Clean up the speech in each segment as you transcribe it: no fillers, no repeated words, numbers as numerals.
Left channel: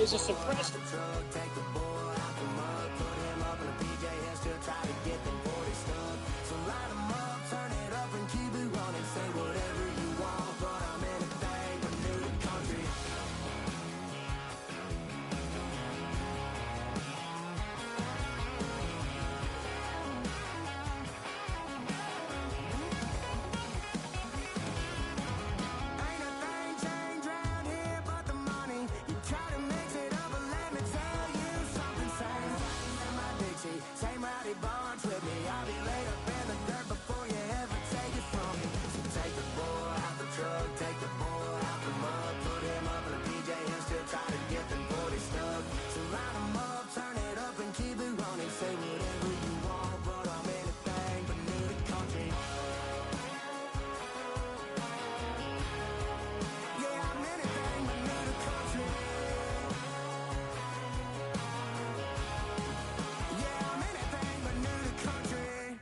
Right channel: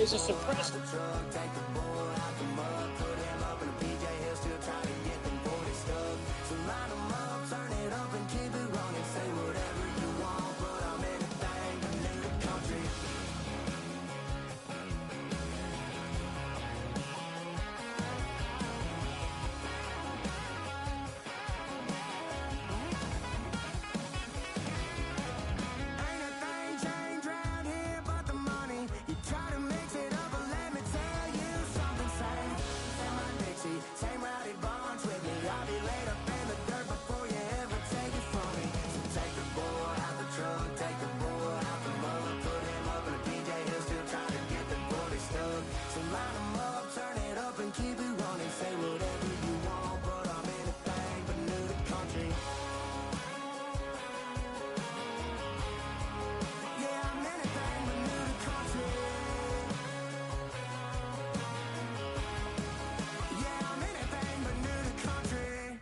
is a suppressed. Take the bull out the mud, put him up in a PJ, he'll still try to get them 40 stuck. So line him up, turn it up and keep it running. Say whatever you want, but I'm anything but new to country. Ain't a thing changed round here but the money. You try to mix it up, but let me tell you something. Same my Dixie, same rowdy bunch with me. I'll be laid up in the dirt before you ever take it from me. So take the bull out the truck, take the bull out the mud, put him up in a PJ, he'll still try to get them 40 stuck. So line him up, turn it up and keep it running. Say whatever you want, but I'm anything but new to country. Yeah, I'm anything but new to country. Yeah, I'm anything but new to country.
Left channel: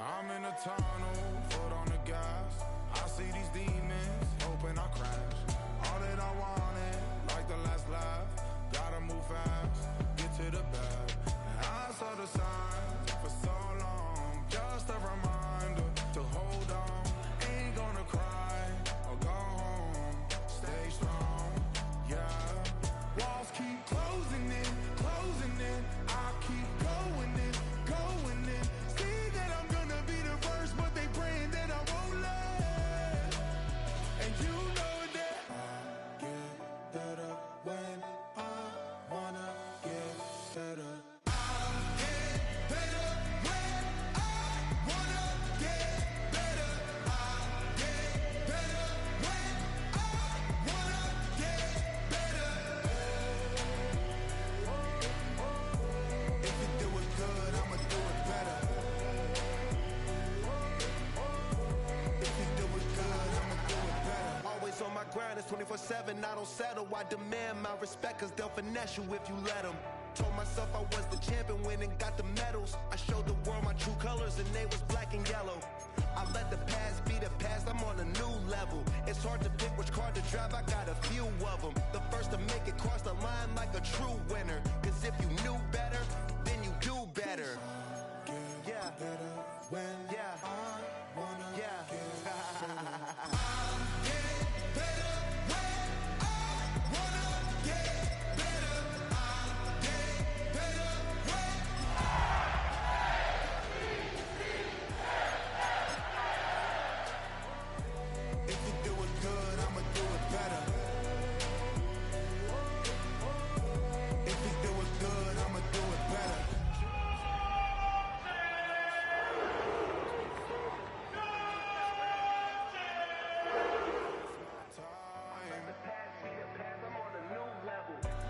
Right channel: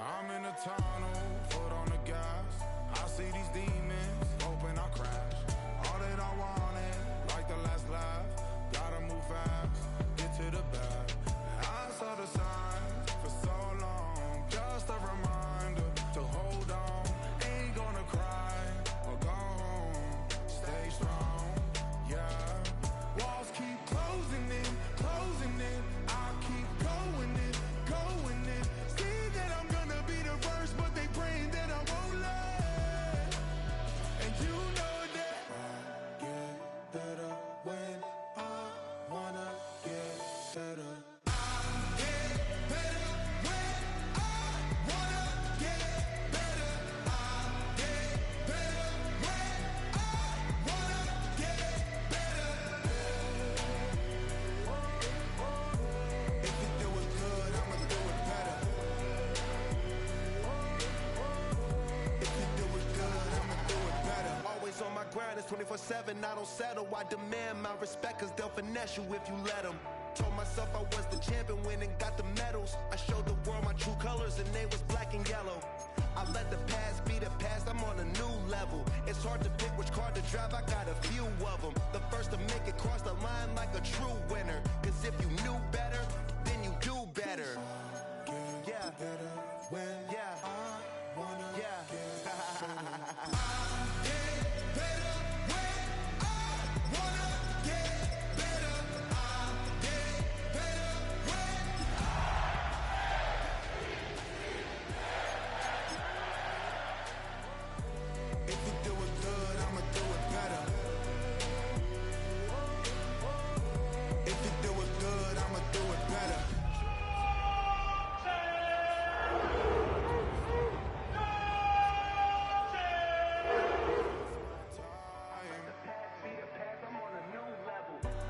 I'm in a tunnel, foot on the gas. I see these demons, hoping I crash. All that I wanted, like the last laugh. Gotta move fast, get to the bag. I saw the signs for so long. Just a reminder to hold on. Ain't gonna cry or go home. Stay strong, yeah. Walls keep closing in, closing in. I keep going in, going in. See that I'm gonna be the first, but they praying that I won't let. And you know that I get better when I wanna get better. I get better when I wanna get better. I get better when I wanna get better. If you do it good, I'ma do it better. If you do it good, I'ma do it better. Always on my grind, it's 24/7, I don't settle. I demand my respect, cause they'll finesse you if you let them. Told myself I was the champion, went and got the medals. I showed the world my true colors and they was black and yellow. I let the past be the past, I'm on a new level. It's hard to pick which car to drive, I got a few of them. The first to make it cross the line like a true winner. Cause if you knew better, then you do better. Yeah. Better when Yeah. I wanna Yeah. get better. Get better when I wanna get better. I get better when. If you do it good, I'ma do it better. If you do it good, I'ma do it better.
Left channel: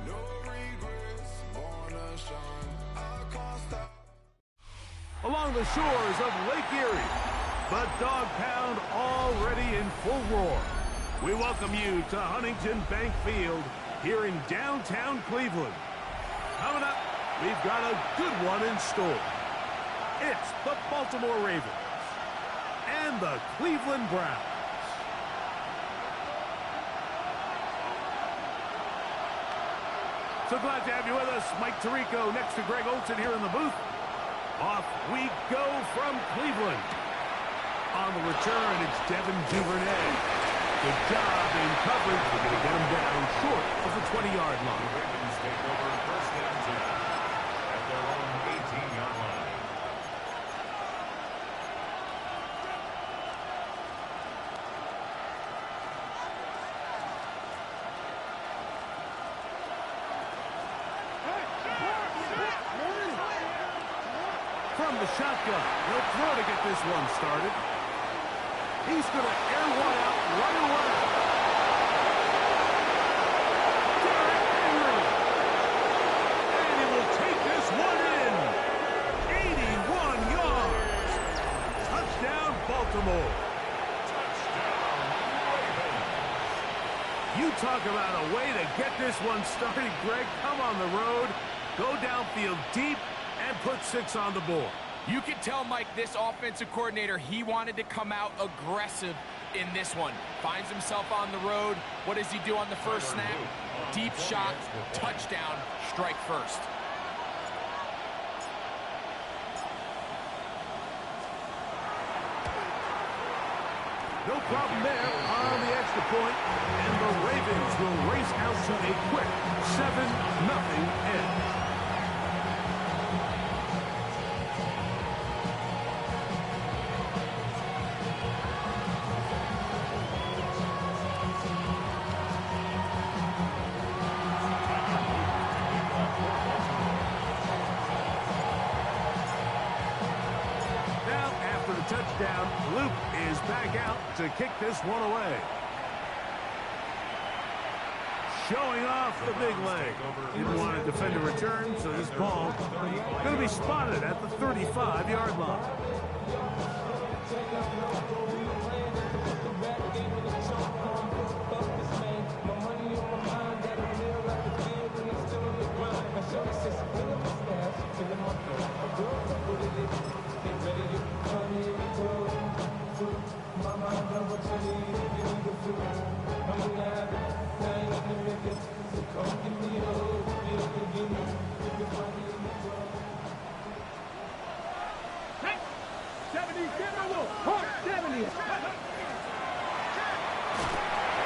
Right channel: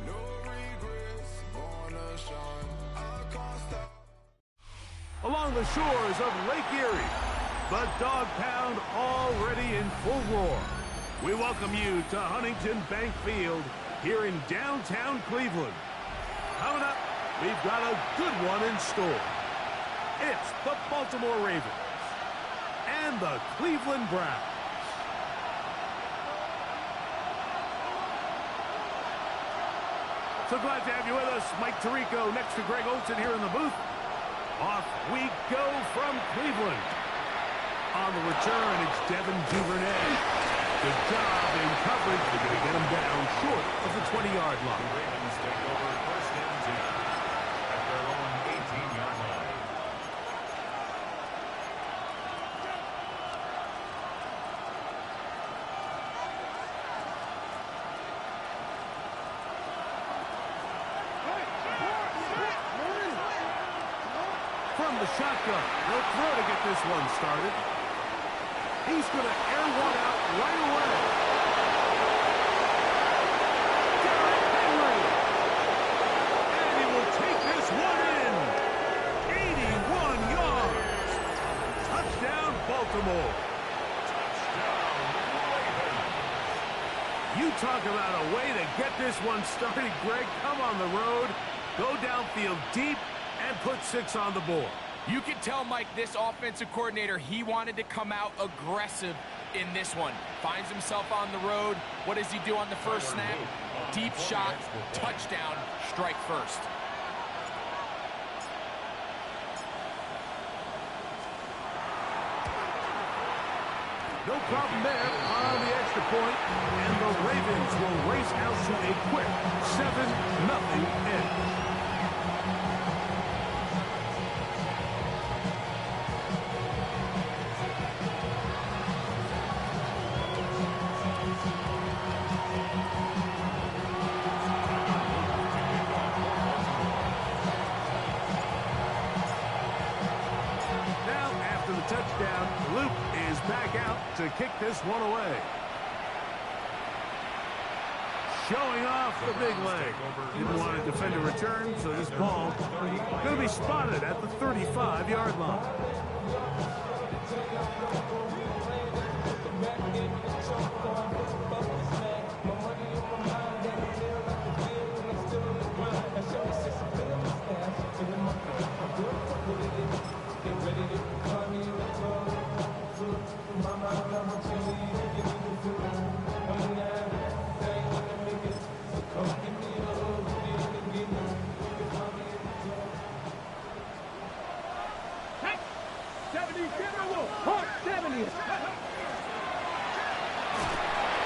No regrets, born to shine. I can't stop. Along the shores of Lake Erie, the Dog Pound already in full roar. We welcome you to Huntington Bank Field here in downtown Cleveland. Coming up, we've got a good one in store. It's the Baltimore Ravens and the Cleveland Browns. So glad to have you with us. Mike Tirico next to Greg Olson here in the booth. Off we go from Cleveland. On the return, it's Devin Duvernay. Good job in coverage. We're going to get him down short of the 20-yard line. The Ravens take over first and 10 at their own 18-yard line. From the shotgun, he'll throw to get this one started. He's going to air one out right away. Derrick Henry. And he will take this one in. 81 yards. Touchdown, Baltimore. Touchdown, Ravens. You talk about a way to get this one started, Greg. Come on the road, go downfield deep, and put 6 on the board. You can tell, Mike, this offensive coordinator, he wanted to come out aggressive in this one. Finds himself on the road. What does he do on the first snap? Deep shot, touchdown, strike first. No problem there on the extra point, and the Ravens will race out to a quick 7-0 edge. Now, after the touchdown, Luke is back out to kick this one away. Showing off the big leg. Didn't want to defend a return, so this ball going to be spotted at the 35-yard line.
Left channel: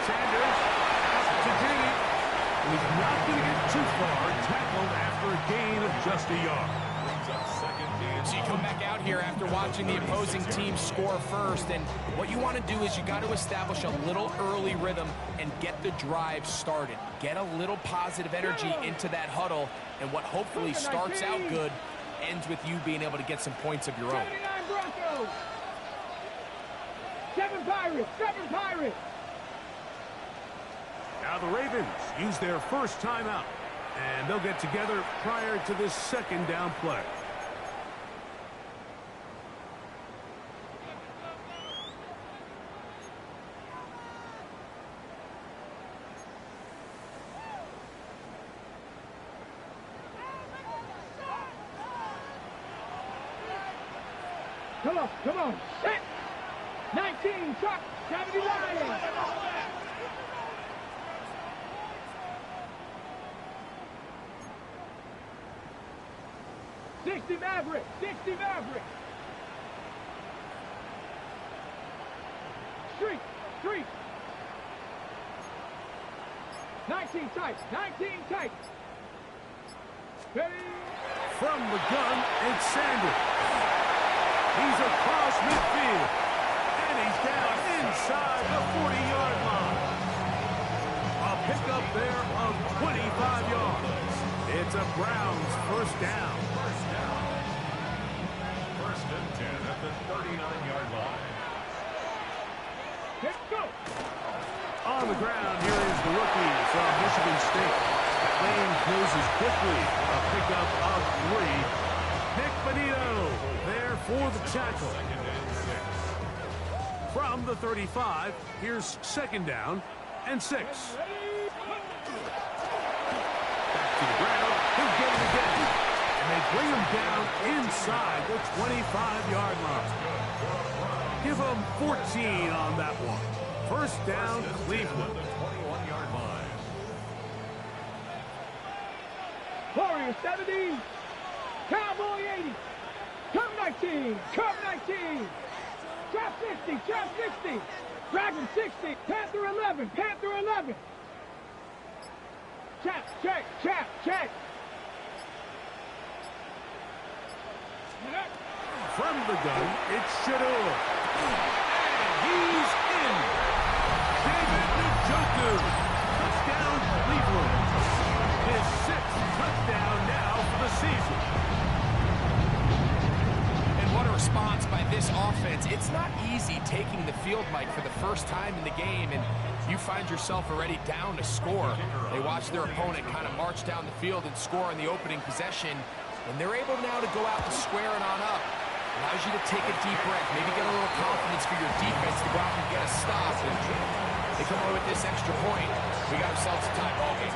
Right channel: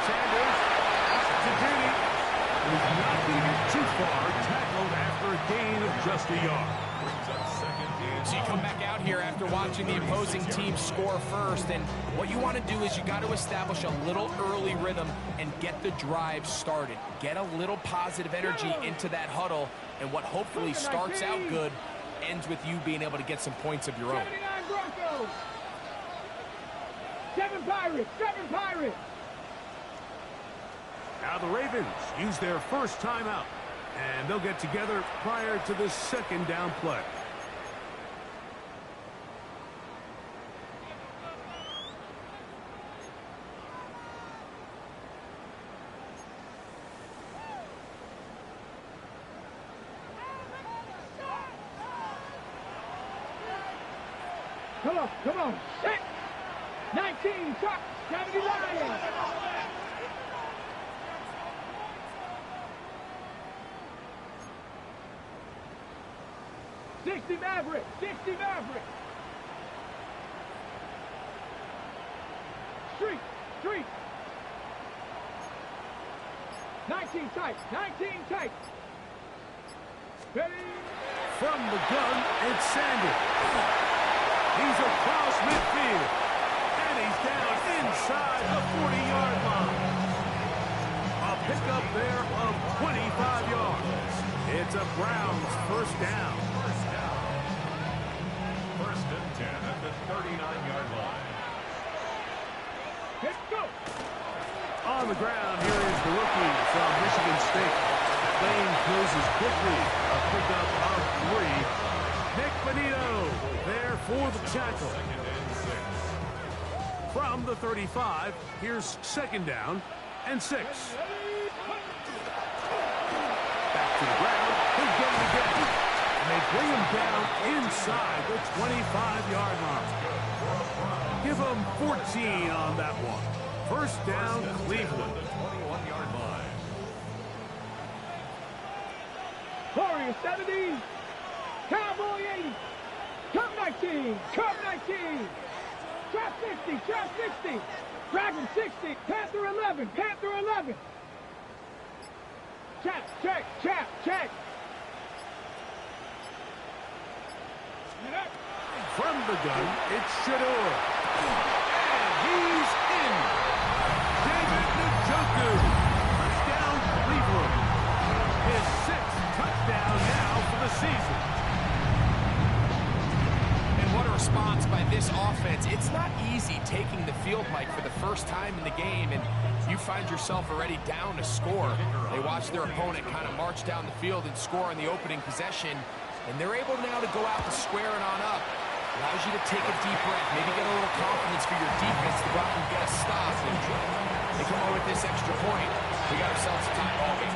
Sanders out to Judy. He's not going to get too far. Tackled after a gain of just a yard. So you come back out here after watching the opposing team score first, and what you want to do is you got to establish a little early rhythm and get the drive started. Get a little positive energy into that huddle, and what hopefully starts out good ends with you being able to get some points of your own. 79 Broncos! 7 Pirates! 7 Pirates! Now the Ravens use their first timeout, and they'll get together prior to this second down play. Come on, set! 19, truck, 70 Lions! 60 Maverick, 60 Maverick! Street! 19 tight, 19 tight! Ready? From the gun, it's Sanders. He's across midfield, and he's down inside the 40-yard line. A pickup there of 25 yards. It's a Browns first down. First and 10 at the 39-yard line. Let's go! On the ground, here is the rookie from Michigan State. That lane closes quickly. A pickup of 3. Nick Benito there for the tackle. From the 35, here's second down and 6. Back to the ground. He'll get it again. And they bring him down inside the 25-yard line. Give him 14 on that one. First down, Cleveland. The 21-yard line. Warrior 70. Cowboy 80. Come 19. Come 19. Trap 60. Trap 60. Dragon 60. Panther 11. Panther 11. Chap, check, chap, check. From the gun, it's Shador. And he's in. David Njoku. Touchdown, Cleveland. His 6th touchdown now for the season. And what a response by this offense. It's not easy taking the field, Mike, for the first time in the game, and you find yourself already down to score. They watch their opponent kind of march down the field and score on the opening possession, and they're able now to go out and square it on up. Allows you to take a deep breath, maybe get a little confidence for your defense to go out and get a stop. And they come away with this extra point. We got ourselves a tie ball game.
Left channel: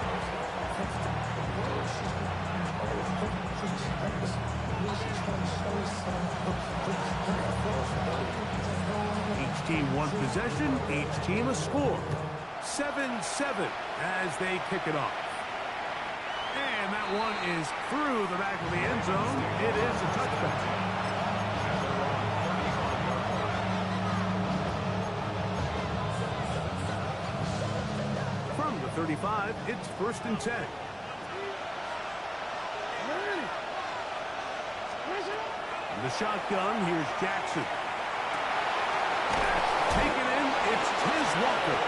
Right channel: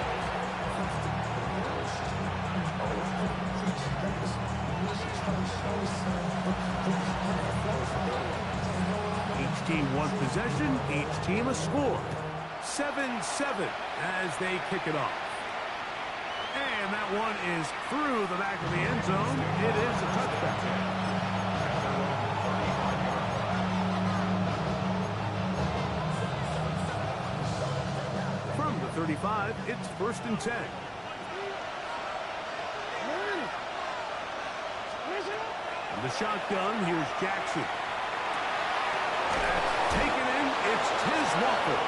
Each team one possession, each team a score. 7-7 as they kick it off. And that one is through the back of the end zone. It is a touchback. From the 35, it's 1st and 10. And the shotgun, here's Jackson. That's taken in, it's Tiz Walker.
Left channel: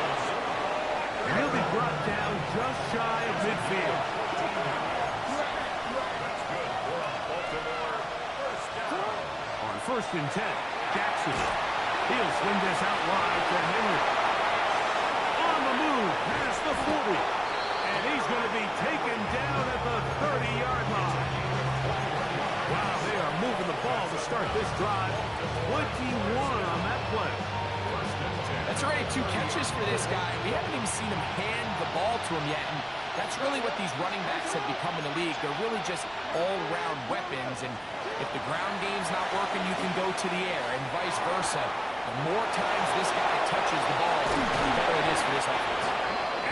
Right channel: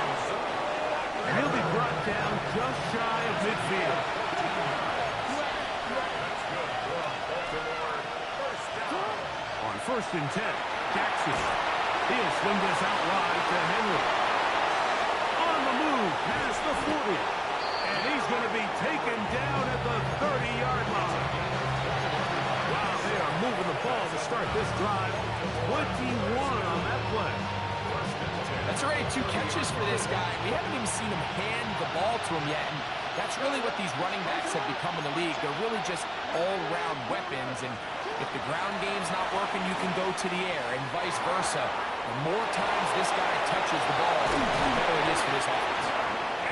And he'll be brought down just shy of midfield. On 1st and 10, Jackson. He'll swing this out wide to Henry. On the move past the 40. And he's going to be taken down at the 30-yard line. Wow, they are moving the ball to start this drive. 21 on that play. That's already 2 catches for this guy. We haven't even seen him hand the ball to him yet, and that's really what these running backs have become in the league. They're really just all-around weapons, and if the ground game's not working, you can go to the air, and vice versa. The more times this guy touches the ball, the better it is for this offense.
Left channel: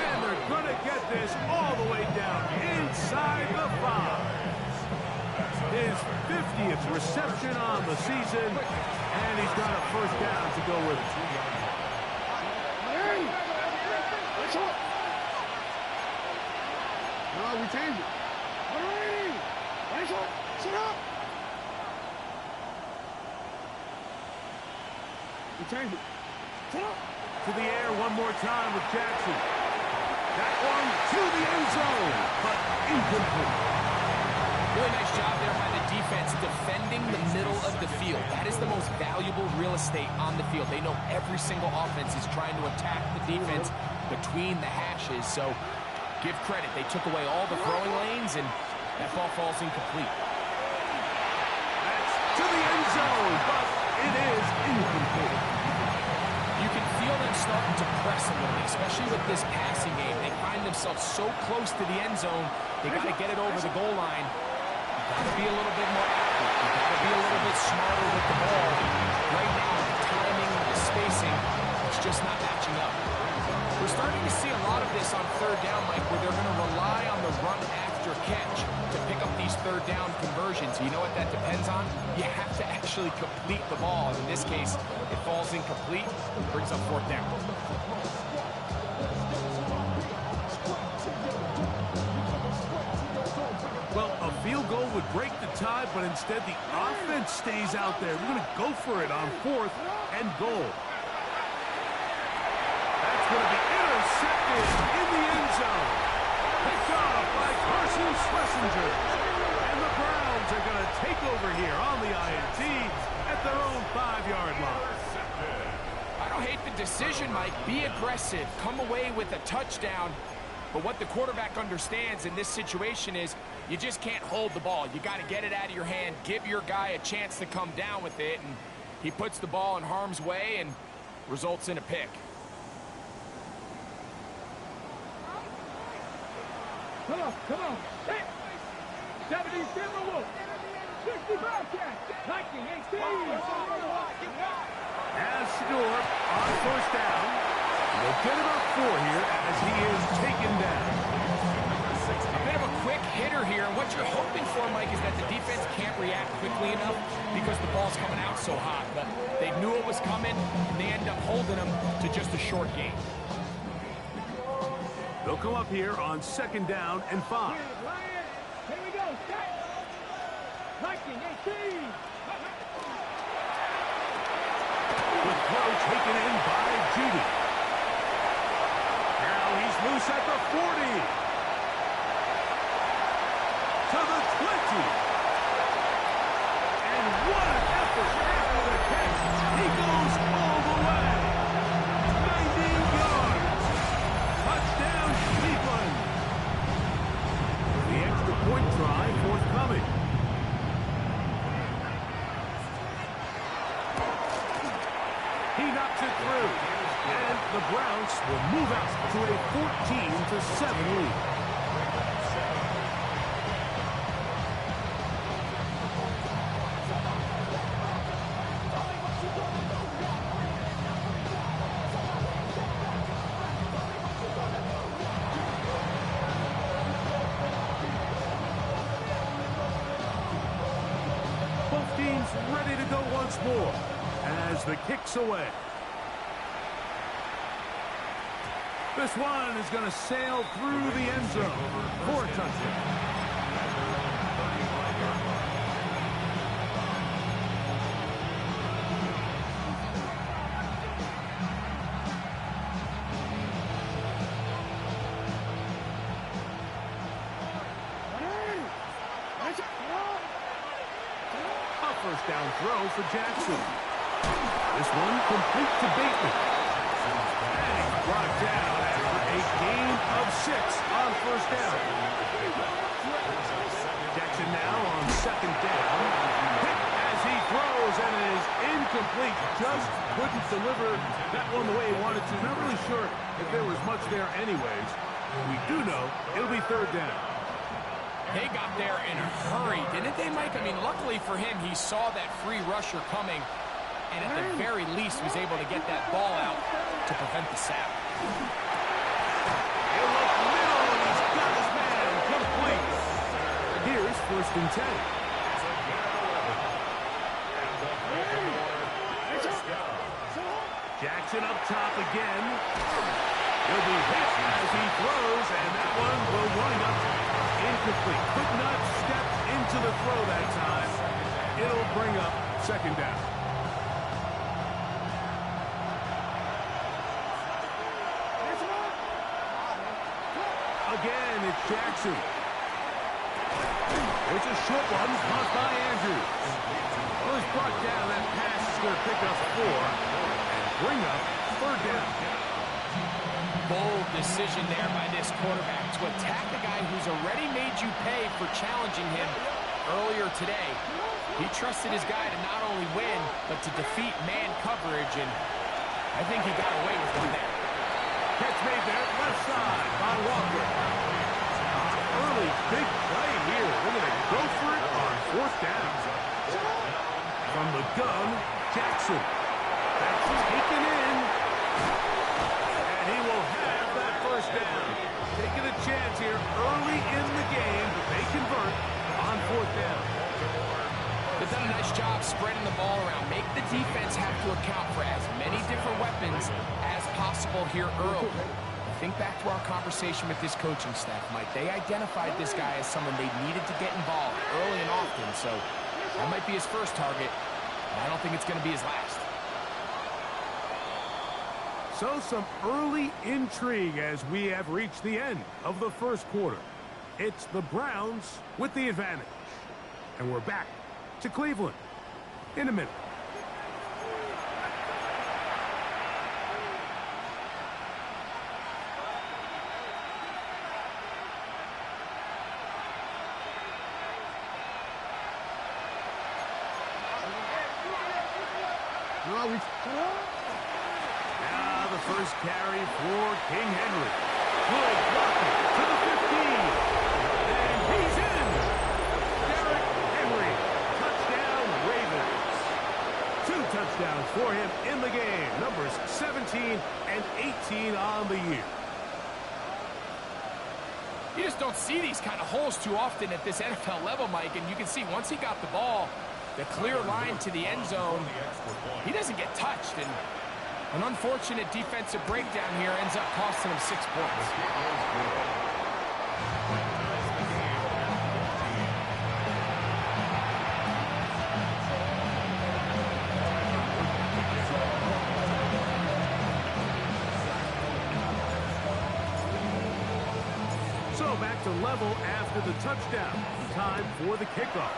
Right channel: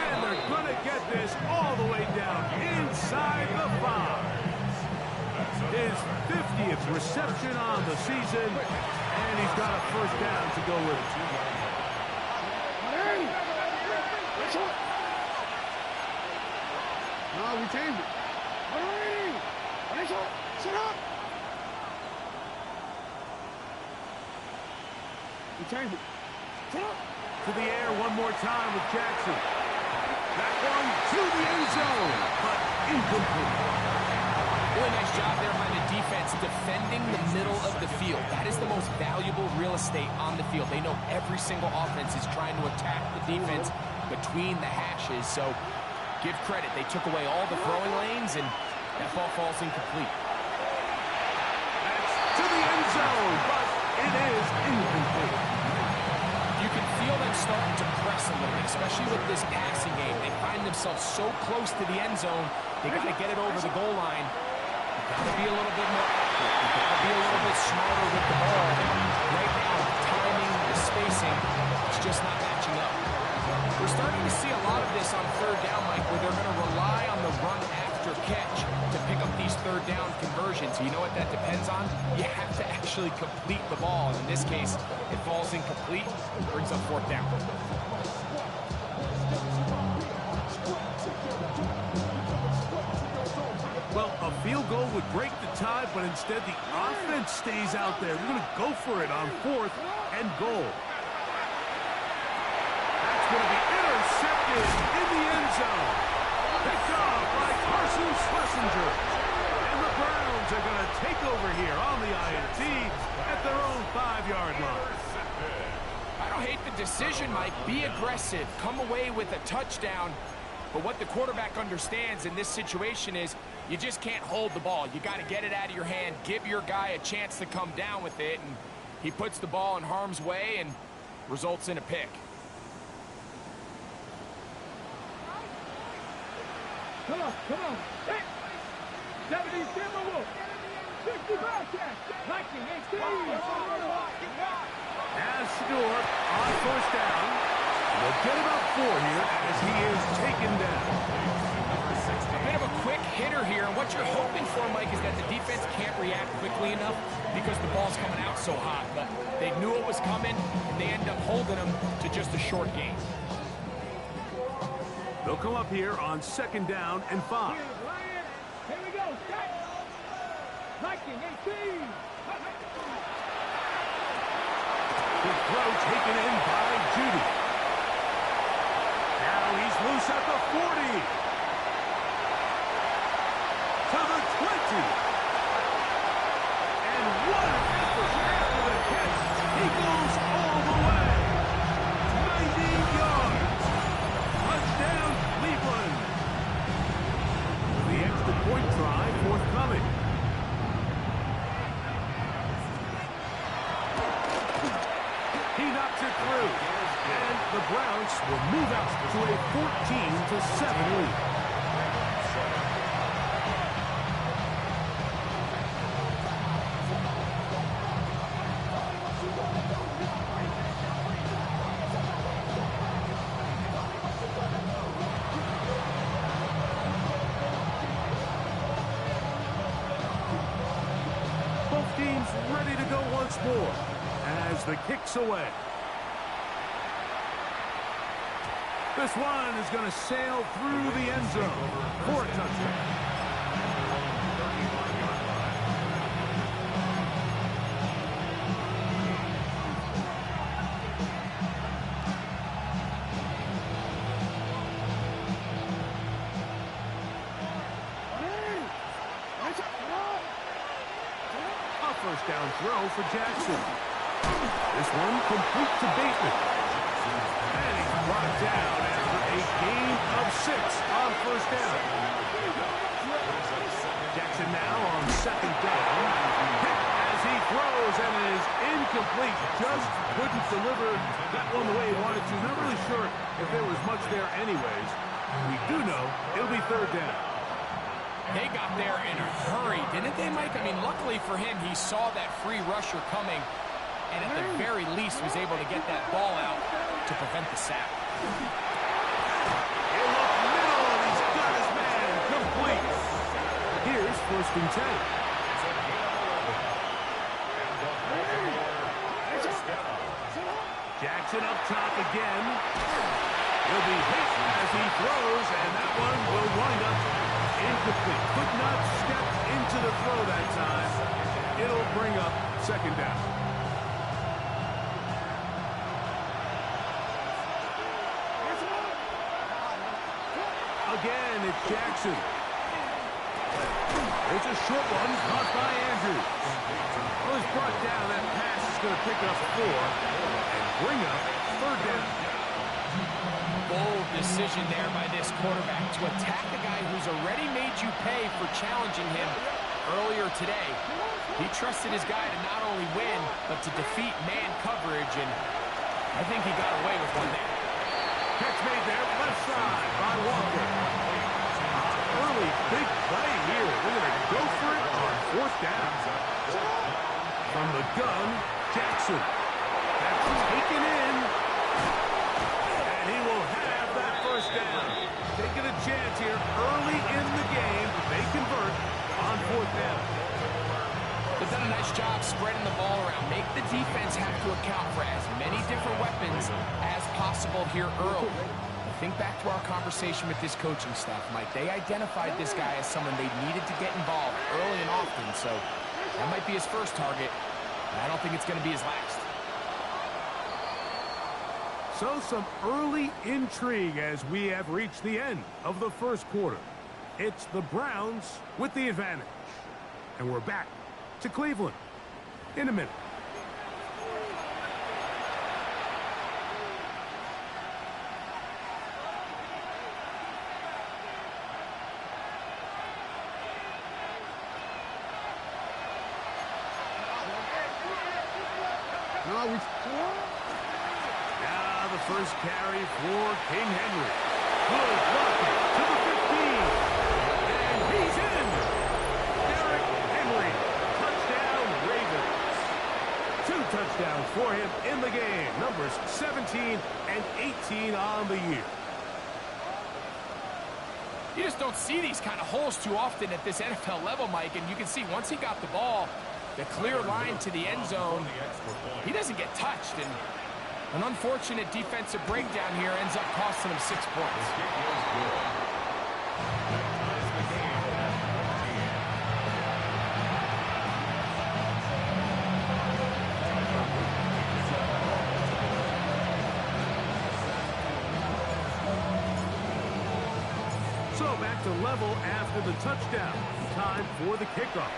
And they're going to get this all the way down inside the 5. His 50th reception on the season, and he's got a 1st down to go with it. No, we changed it. Sit up. We changed it. Sit up. To the air one more time with Jackson. That one to the end zone, but incomplete. Really nice job there by the defense defending the middle of the field. That is the most valuable real estate on the field. They know every single offense is trying to attack the defense between the hashes. So give credit. They took away all the throwing lanes, and that ball falls incomplete. That's to the end zone, but it is incomplete. You can feel them starting to press a little bit, especially with this passing game. They find themselves so close to the end zone, they got to get it over the goal line. Got to be a little bit more accurate. You got to be a little bit smarter with the ball. Right now, the timing, the spacing, it's just not matching up. We're starting to see a lot of this on 3rd down, Mike, where they're going to rely on the run after catch to pick up these 3rd down conversions. You know what that depends on? You have to actually complete the ball. And in this case, it falls incomplete, brings up 4th down. Well, a field goal would break the tie, but instead the offense stays out there. We're going to go for it on 4th and goal. That's going to be intercepted in the end zone. Picked off by Carson Schlesinger. And the Browns are going to take over here on the INT at their own 5-yard line. I don't hate the decision, Mike. Be aggressive. Come away with a touchdown. But what the quarterback understands in this situation is you just can't hold the ball. You got to get it out of your hand, give your guy a chance to come down with it, and he puts the ball in harm's way and results in a pick. Come on. 70 Timberwolves. 60 Bobcats. 1918. As Shador on 1st down. They'll get about 4 here as he is taken down. A bit of a quick hitter here, and what you're hoping for, Mike, is that the defense can't react quickly enough because the ball's coming out so hot. But they knew it was coming, and they end up holding them to just a short gain. They'll come up here on 2nd down and 5. Here we go. Viking 18. Good throw taken in by Judy. Now he's loose at the 40. To the 20. And what an effort after the catch. He goes all the way. 90 yards. Touchdown, Cleveland. The extra point try forthcoming. He knocks it through. And the Browns will move out to a 14-7 lead. Both teams ready to go once more as the kick's away. This one is going to sail through the end zone for a touchdown. A first down throw for Jackson. This one complete to Bateman. And he's brought down after a gain of 6 on first down. Jackson now on second down. Hit as he throws and it is incomplete. Just couldn't deliver that one the way he wanted to. Not really sure if there was much there anyways. We do know it'll be third down. They got there in a hurry, didn't they, Mike? I mean, luckily for him, he saw that free rusher coming, and at the very least was able to get that ball out to prevent the sack. He'll look middle, and he's got his man complete. Here's 1st and 10. Jackson up top again. He'll be hit as he throws, and that one will wind up incomplete. Could not step into the throw that time. It'll bring up second down. Again, it's Jackson. It's a short one, caught by Andrews. Well, he's brought down. That pass is going to pick up 4 and bring up third down. Bold decision there by this quarterback to attack a guy who's already made you pay for challenging him earlier today. He trusted his guy to not only win, but to defeat man coverage, and I think he got away with one there. Catch made there, left side by Walker. Early big play here. They're going to go for it on 4th down. From the gun, Jackson. That's taken in. And he will have that first down. Taking a chance here early in the game, but they convert on 4th down. They've done a nice job spreading the ball around. Make the defense have to account for as many different weapons as possible here early. Think back to our conversation with this coaching staff, Mike. They identified this guy as someone they needed to get involved early and often, so that might be his first target, and I don't think it's going to be his last. So some early intrigue as we have reached the end of the first quarter. It's the Browns with the advantage. And we're back to Cleveland in a minute. Now the first carry for King Henry. Good blocking to the 15. And he's in. Derrick Henry. Touchdown Ravens. 2 touchdowns for him in the game. Numbers 17 and 18 on the year. You just don't see these kind of holes too often at this NFL level, Mike, and you can see once he got the ball, the clear line to the end zone, he doesn't get touched, and an unfortunate defensive breakdown here ends up costing him 6 points. So back to level after the touchdown. Time for the kickoff.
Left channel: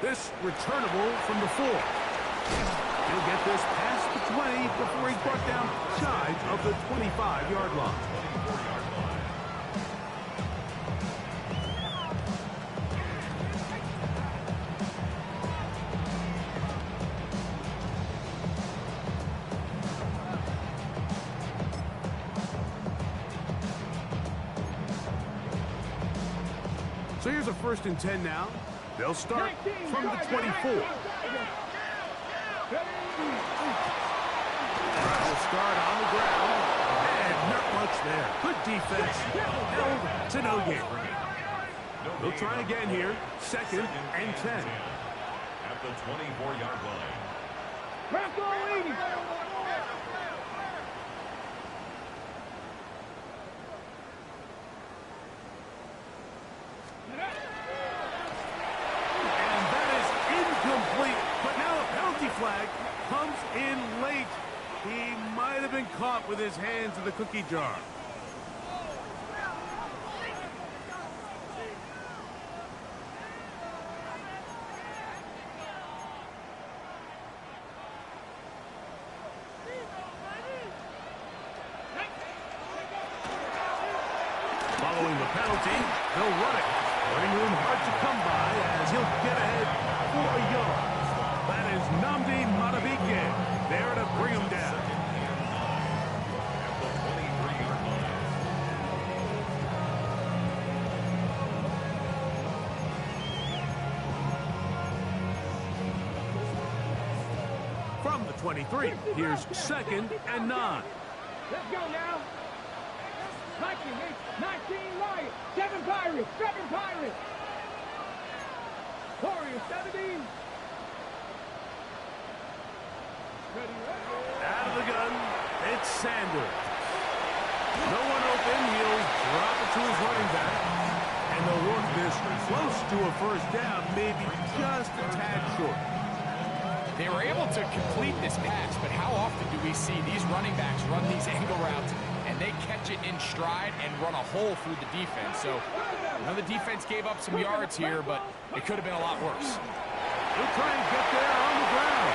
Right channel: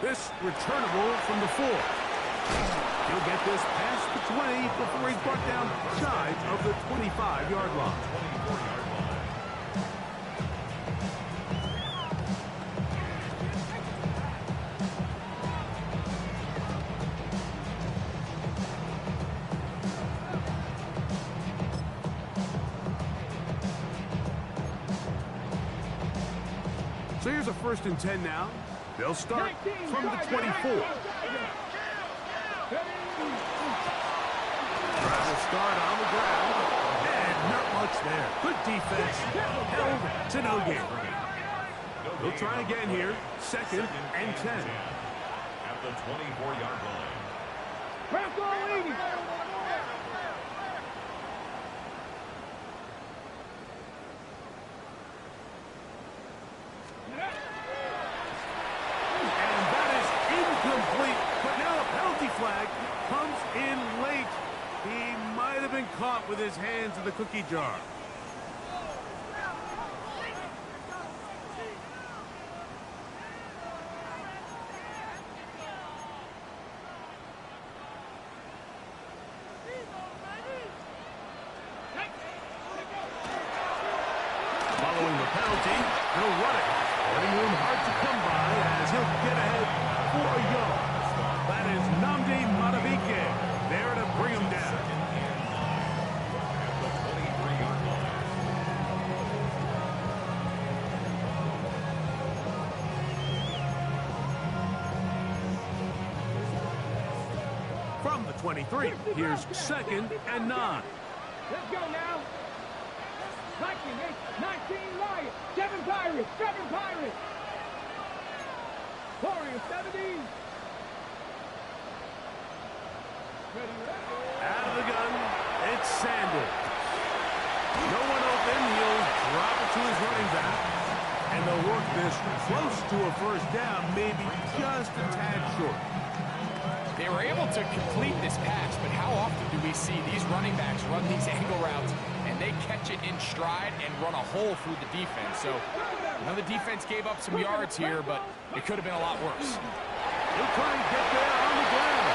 This returnable from the 4. He'll get this past the 20 before he's brought down shy of the 25-yard line. So here's a 1st and 10 now. They'll start from the 24. Will start on the ground. And not much there. Good defense. Held to no gain. They'll try again here. 2nd and 10. At the 24-yard line. Bronco 80. And that is incomplete. But now a penalty flag comes in late. He might have been caught with his hands in the cookie jar. Following the penalty, he'll run it. Running room hard to come by as he'll get ahead for a yard. That is Nnamdi Madubuike there to bring him down. At the 23-yard line. From the 23, here's 2nd and 9. Let's go now. 19 Lions, 7 Pirates, 7 Pirates. Warriors, 17. Ready. Out of the gun, it's Sanders. No one open, he'll drop it to his running back. And they'll work this close to a 1st down, maybe just a tad short. They were able to complete this pass, but how often do we see these running backs run these angle routes and they catch it in stride and run a hole through the defense? So, the defense gave up some yards here, but it could have been a lot worse. He'll try and get there on the ground.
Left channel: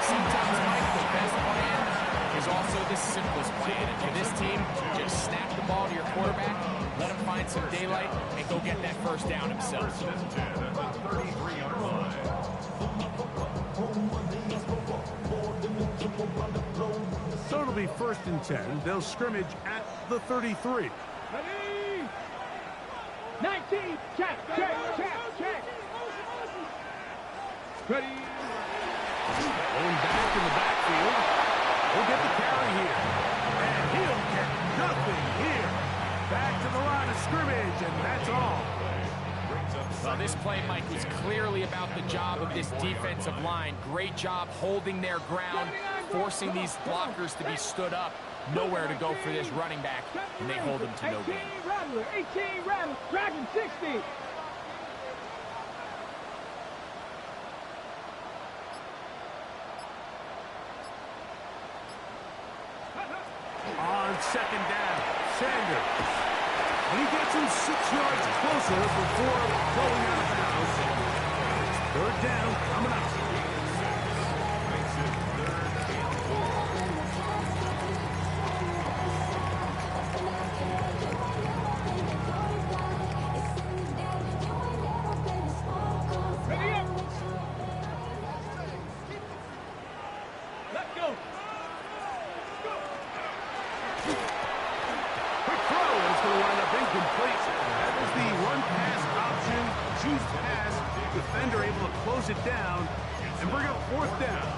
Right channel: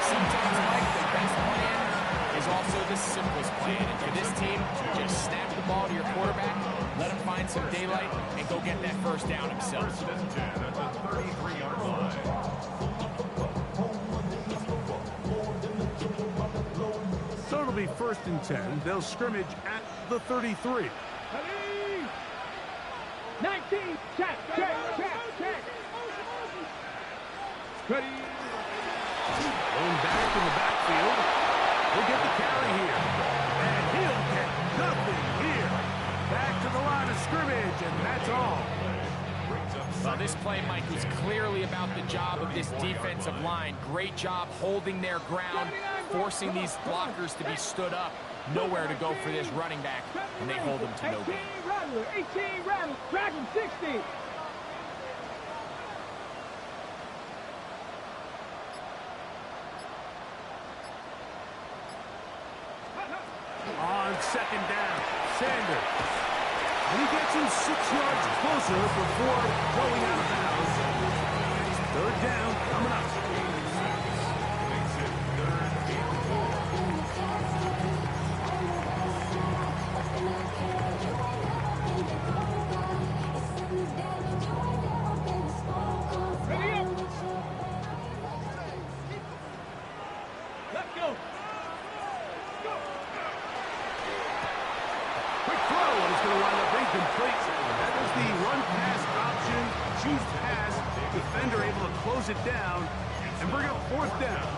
Sometimes, Mike, the best plan is also the simplest plan. And for this team, just snap the ball to your quarterback, let him find some daylight, and go get that 1st down himself. 1st and 10 at the 33-yard line. So it'll be 1st and 10. They'll scrimmage at the 33. Ready. 19. Check. Ready. Going back in the backfield. He'll get the carry here. And he'll get nothing here. Back to the line of scrimmage, and that's all. Well, this play, Mike, was clearly about the job of this defensive line. Great job holding their ground, forcing these blockers to be stood up. Nowhere to go for this running back, and they hold him to no gain. 18 Rattler, 18 Rattler, Dragon 60. On 2nd down, Sanders. And he gets him 6 yards closer before going out of bounds. 3rd down coming up. Makes it 3rd and 4. Ready up. Let's go. Quick throw, and it's going to wind up incomplete. That was the run-pass option. Choose pass. Defender able to close it down and bring up 4th down.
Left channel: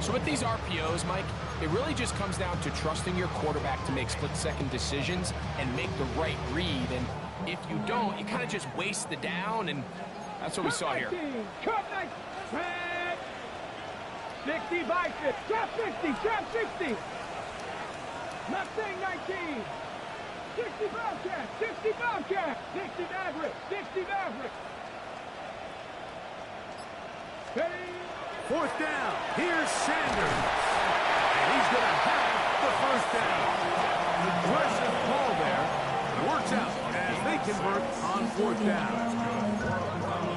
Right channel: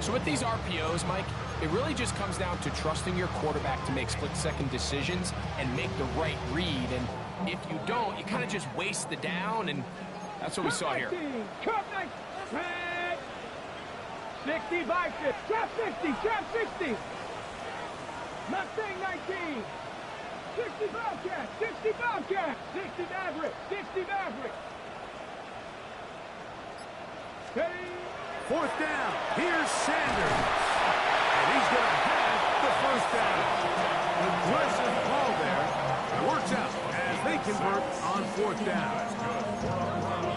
So with these RPOs, Mike, it really just comes down to trusting your quarterback to make split-second decisions and make the right read. And if you don't, you kind of just waste the down, and that's what we saw here. 60 bicep, trap 60. Mustang 19. 60 Bobcat, 60 Maverick, 60 Maverick. Ready. 4th down. Here's Sanders. And he's going to have the 1st down. Aggressive call there. It works out as they convert on 4th down.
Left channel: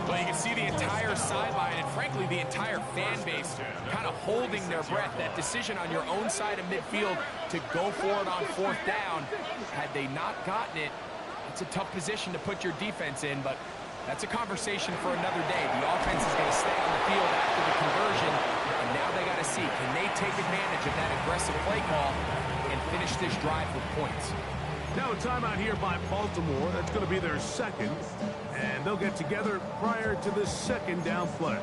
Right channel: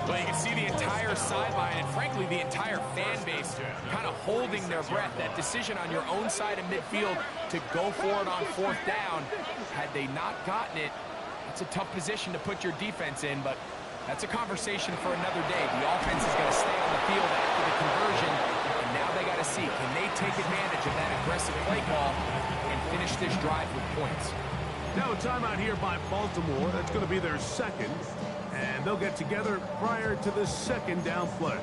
Well, you can see the entire sideline and, frankly, the entire fan base kind of holding their breath. That decision on your own side of midfield to go for it on 4th down, had they not gotten it, it's a tough position to put your defense in, but that's a conversation for another day. The offense is going to stay on the field after the conversion, and now they got to see, can they take advantage of that aggressive play call and finish this drive with points? Now a timeout here by Baltimore. That's going to be their second. And they'll get together prior to the second down play.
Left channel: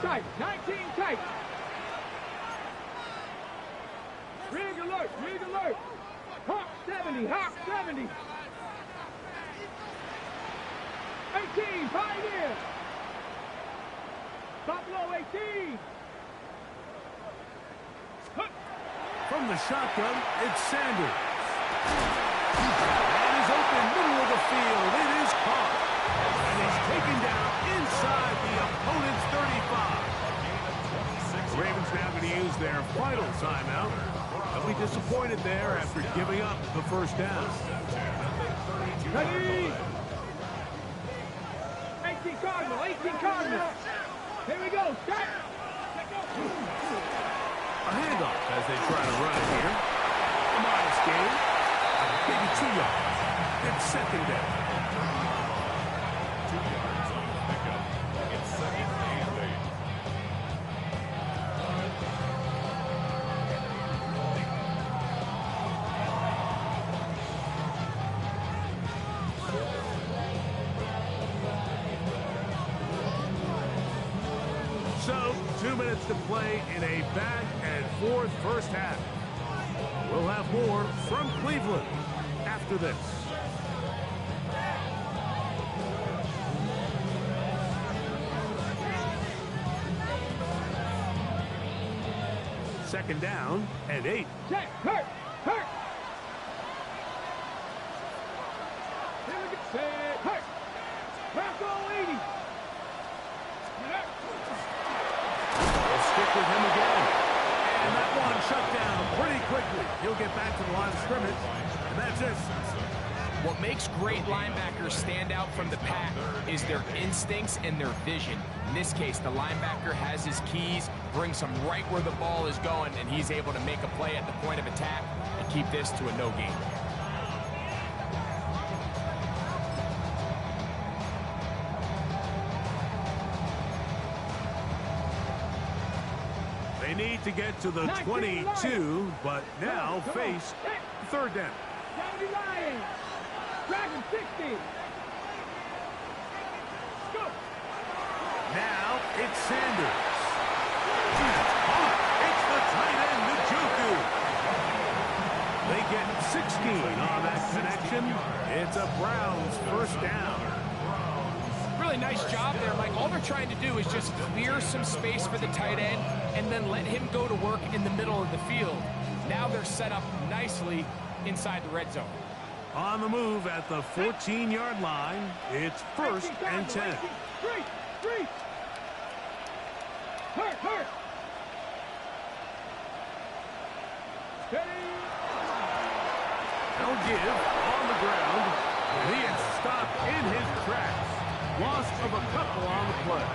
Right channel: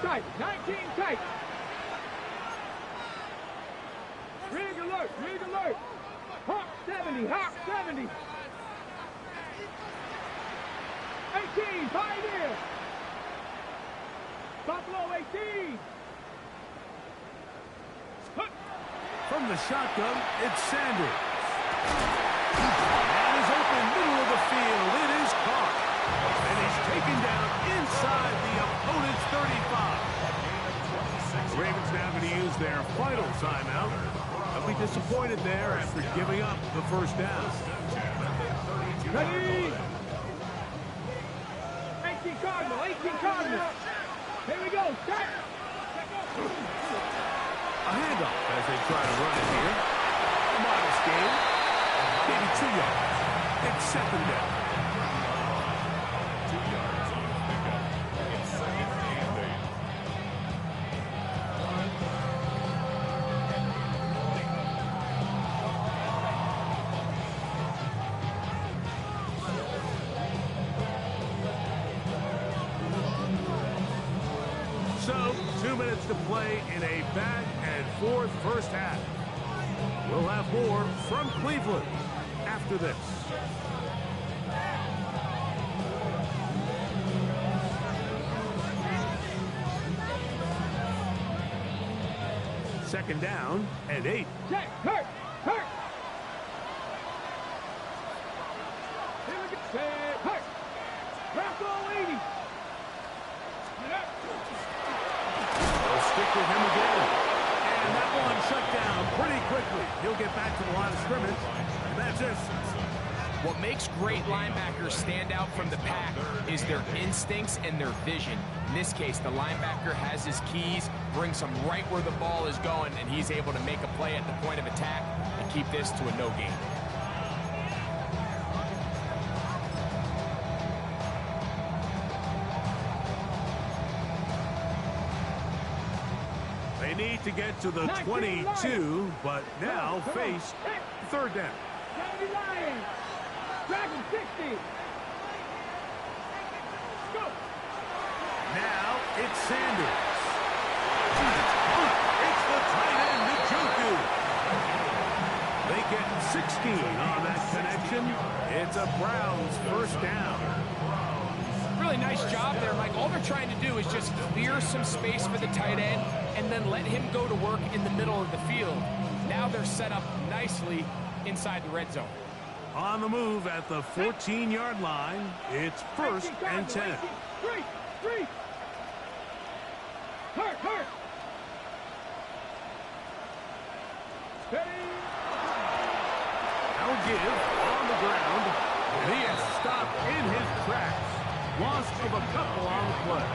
Tight, 19 tight. Rig alert, rig alert. Hawk 70, Hawk 70. 18, Pioneer. Buffalo 18. From the shotgun, it's Sanders. And he's open, middle of the field. It is caught. And he's taken down inside the opponent's 35. The Ravens now going to use their final timeout. They'll be disappointed there after giving up the first down. Ready? 18 Cardinal, 18 Cardinal. Here we go, start. A handoff as they try to run it here. A modest gain. Maybe 2 yards. It's second down. 2 yards on the pickup. It's second and 8. So, 2 minutes to play in a back-and-forth first half. We'll have more from Cleveland after this. Second down and 8. Check, hurt, hurt. Here we go, set, hurt. Rocco 80. They'll stick with him again. And that one shut down pretty quickly. He'll get back to the line of scrimmage, and that's it. What makes great linebackers stand out from the pack is their instincts and their vision. In this case, the linebacker has his keys, brings him right where the ball is going, and he's able to make a play at the point of attack and keep this to a no gain. They need to get to the 22, but now face third down. 70 Lions. Dragon 60. Go. Now it's Sanders. That's caught. It's the tight end, Njoku. They get 16 on that connection. It's a Browns first down. Really nice job there, Mike. All they're trying to do is just clear some space for the tight end and then let him go to work in the middle of the field. Now they're set up nicely inside the red zone. On the move at the 14-yard line, it's first and 10. Three. Hurt. Steady. Now give on the ground, and he is stopped in his tracks. Loss of a couple on the play.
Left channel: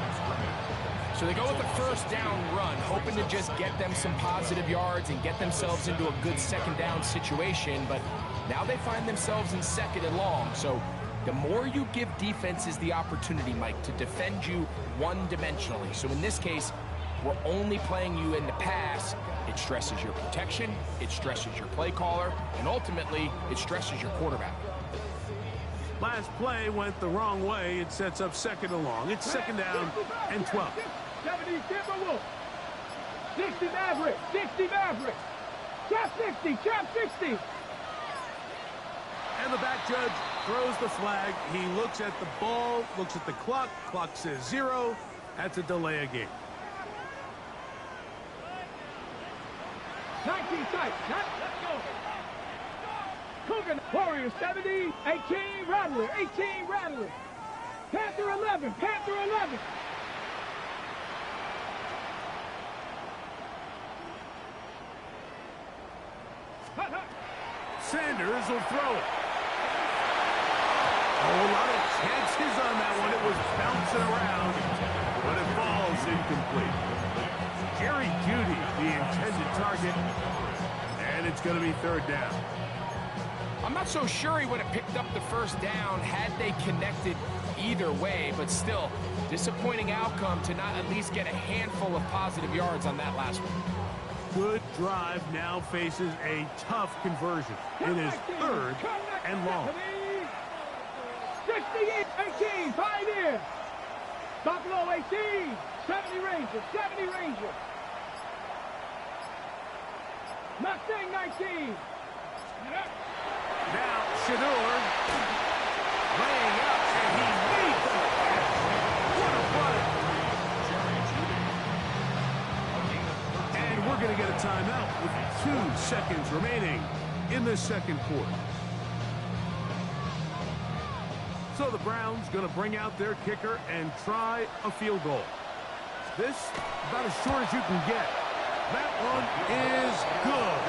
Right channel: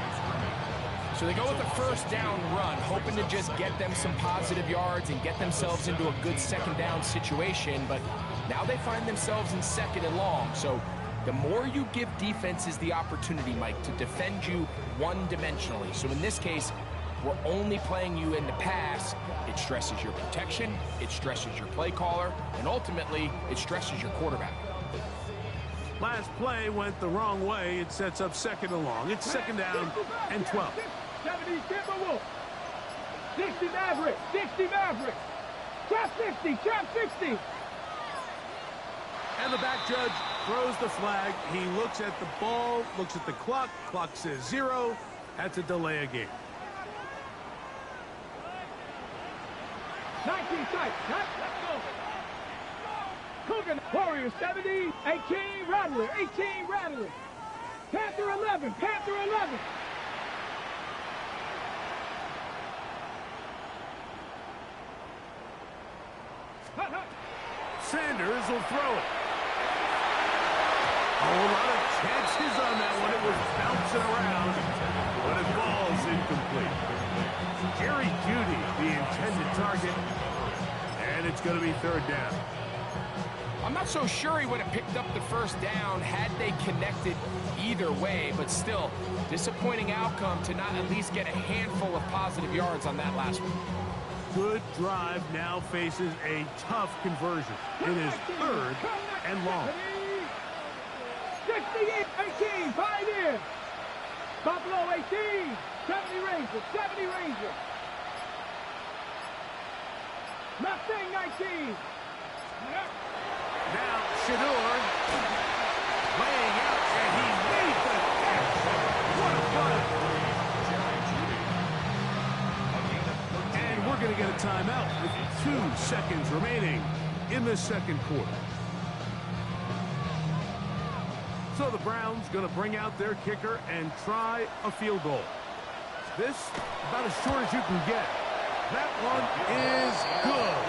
So they go with a first down run, hoping to just get them some positive yards and get themselves into a good second down situation, but now they find themselves in second and long. So the more you give defenses the opportunity, Mike, to defend you one-dimensionally. So in this case, we're only playing you in the pass. It stresses your protection, it stresses your play caller, and ultimately, it stresses your quarterback. Last play went the wrong way. It sets up second and long. It's second down and 12. 70 Timberwolves. 60 Mavericks. 60 Mavericks. Trap 60. And the back judge throws the flag. He looks at the ball, looks at the clock. Clock says 0. That's a delay of game. 19 tight. Let's go. Cougar Warriors 70. 18 Rattler. Panther 11. Sanders will throw it. A whole lot of chances on that one. It was bouncing around, but it falls incomplete. Jerry Jeudy, the intended target, and it's going to be third down. I'm not so sure he would have picked up the first down had they connected either way, but still, disappointing outcome to not at least get a handful of positive yards on that last one. Good drive now faces a tough conversion. It is 3rd and long. 68-18, Pioneer. Buffalo 18, 70 Ranger, 70 Ranger. Mustang 19. Now Shador laying out, and he made the catch. What a play. And we're going to get a timeout with 2 seconds remaining in the second quarter. So the Browns going to bring out their kicker and try a field goal. This about as short as you can get. That one is good.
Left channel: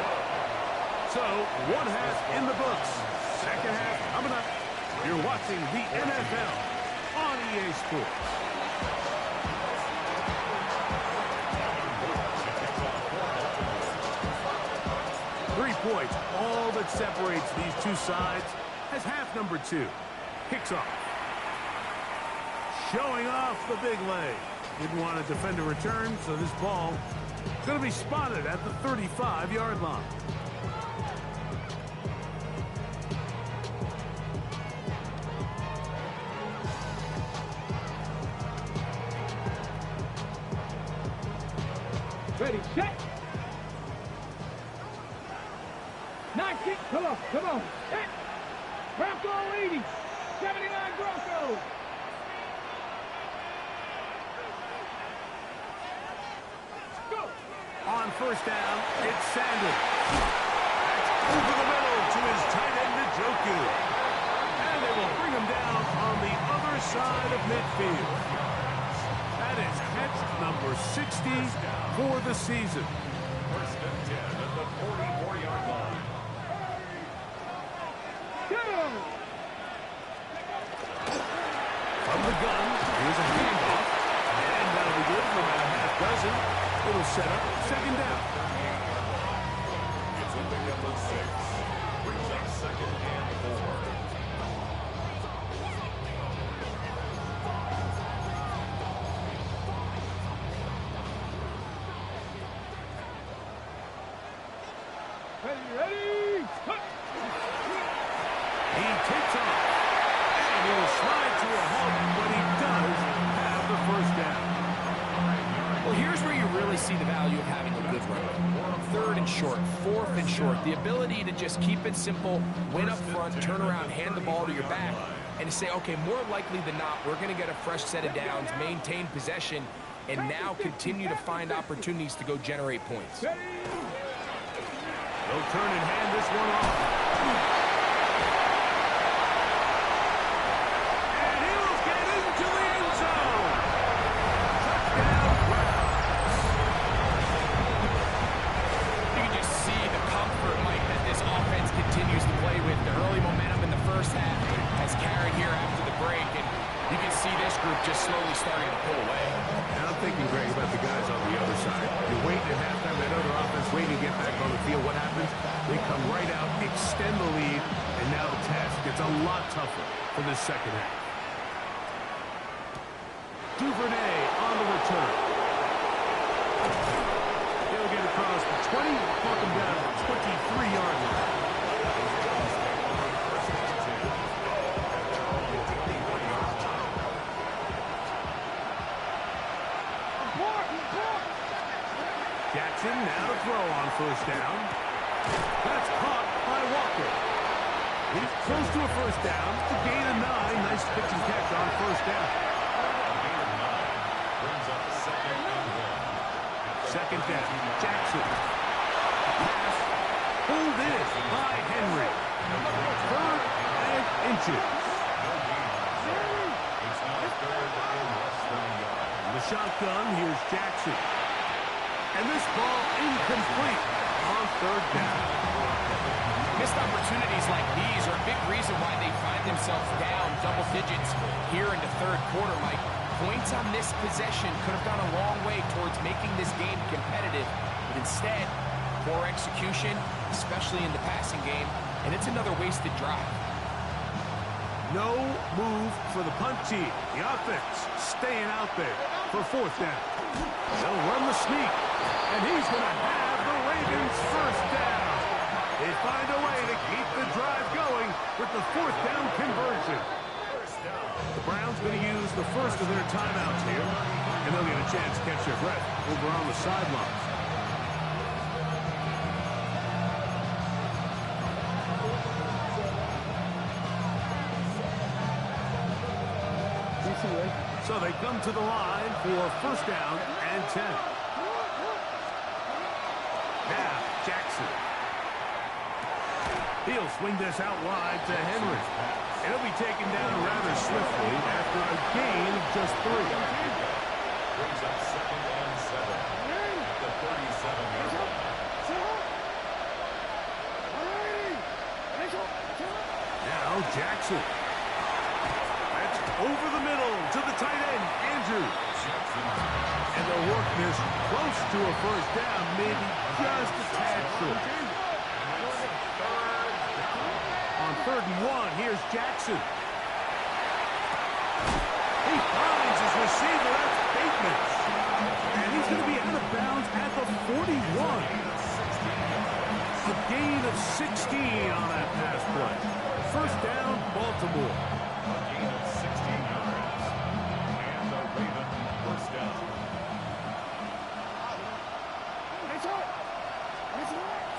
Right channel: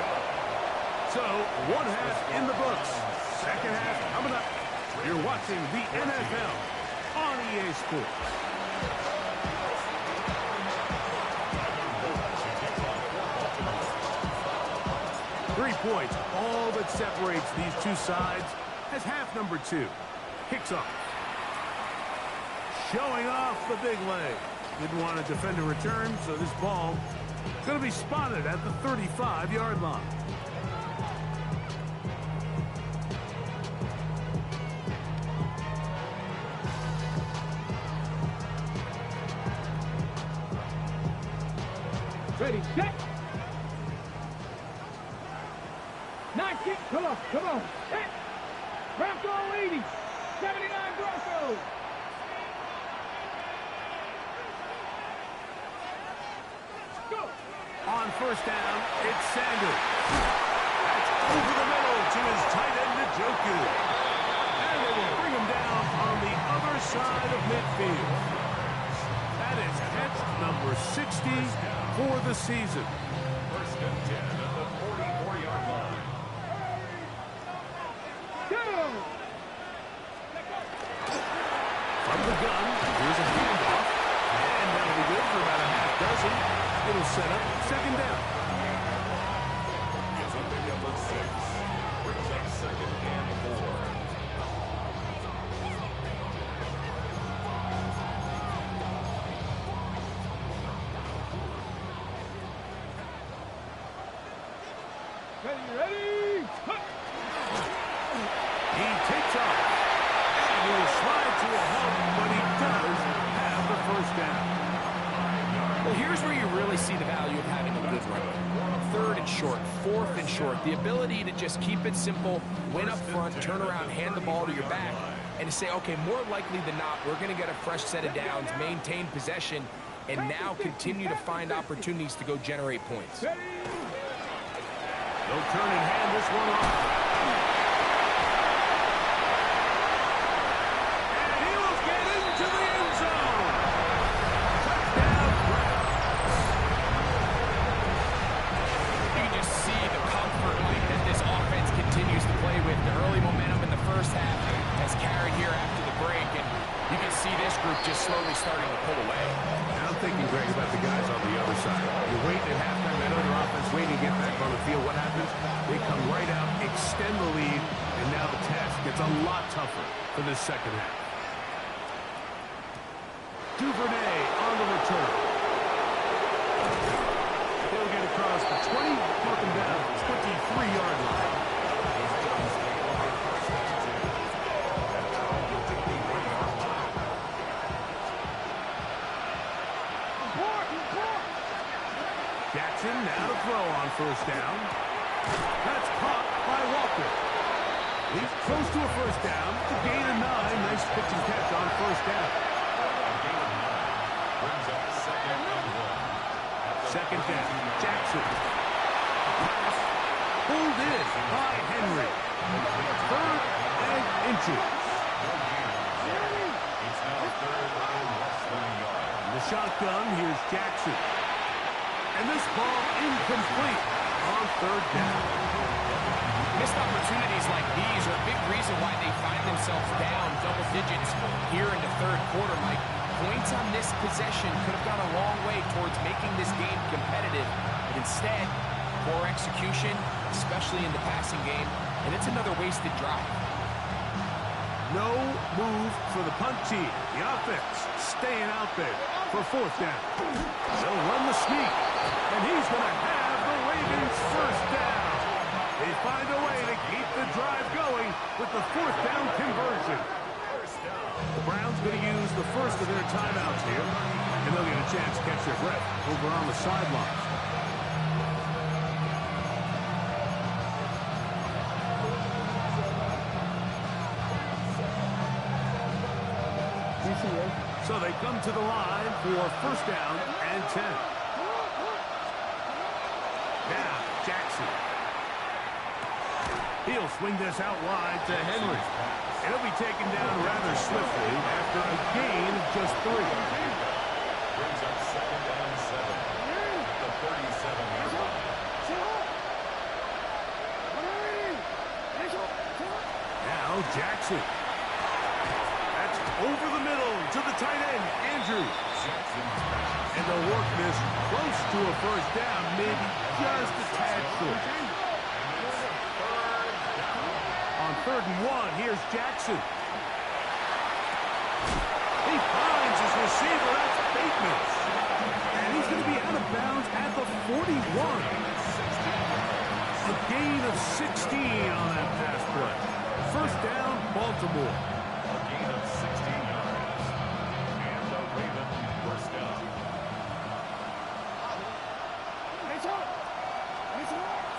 So, 1 half in the books. Second half coming up. You're watching the NFL on EA Sports. Three points, all that separates these two sides as half number 2 kicks off. Showing off the big leg. Didn't want to defend a return, so this ball going to be spotted at the 35-yard line. Ready, set. 19, come on, set. Bronco 80, 79 Broncos. Go. On first down, it's Sanders. That's over the middle to his tight end, Njoku. And they will bring him down on the other side of midfield. That is catch number 60 for the season. 1st and 10 at the 44-yard line. From the gun, here's a handoff. And that'll be good for about a half dozen. It'll set up second down. It's a pickup of 6. Brings up 2nd and 4. Ready. He takes off. And he will slide to a halt, but he does have the first down. Well, here's where you really see the value of having a good run. 3rd and short, 4th and short. The ability to just keep it simple, win up front, turn around, hand the ball to your back, and to say, okay, more likely than not, we're going to get a fresh set of downs, maintain possession, and now continue to find opportunities to go generate points. They'll turn and hand this one off. And he will get into the end zone. Touchdown, Browns. You can just see the comfort, Mike, that this offense continues to play with. The early momentum in the first half has carried here after the break, and you can see this group just slowly starting to pull away. And I'm thinking, Greg, about the guys on the other side. You're waiting at halftime, that other offense waiting to get back on the field. What happens? They come right out, extend the lead, and now the task gets a lot tougher for this second half. Duvernay on the return. He'll get across the 20, mark him down at the 23-yard line. Jackson now to throw on first down. That's caught by Walker. He's close to a first down. It's a gain of 9. Nice pitch and catch on first down. A gain of 9 brings up 2nd and 1. Second down. Jackson. A pass pulled in by Henry. 3rd and inches. No gain on the play. It's now 3rd and less than a yard. In the shotgun, here's Jackson. And this ball incomplete on 3rd down. Missed opportunities like these are a big reason why they find themselves down double digits here in the 3rd quarter, Mike. Points on this possession could have gone a long way towards making this game competitive, but instead, poor execution, especially in the passing game, and it's another wasted drive. No move for the punt team. The offense staying out there for fourth down. They'll run the sneak, and he's going to have the Ravens first down. They find a way to keep the drive going with the fourth down conversion. The Browns going to use the first of their timeouts here, and they'll get a chance to catch their breath over on the sidelines. So they come to the line for first down and 10. Now, Jackson. He'll swing this out wide to Henry. And he'll be taken down rather swiftly after a gain of just 3. Brings up second and 7 at the 37-yard line. Now, Jackson. That's over the middle to the tight end, Andrews. And they'll work this close to a first down, maybe just a tad short. On 3rd and 1, here's Jackson. He finds his receiver, that's Bateman. And he's going to be out of bounds at the 41. A gain of 16 on that pass play. First down, Baltimore. A gain of 16 yards. And the Raven first down.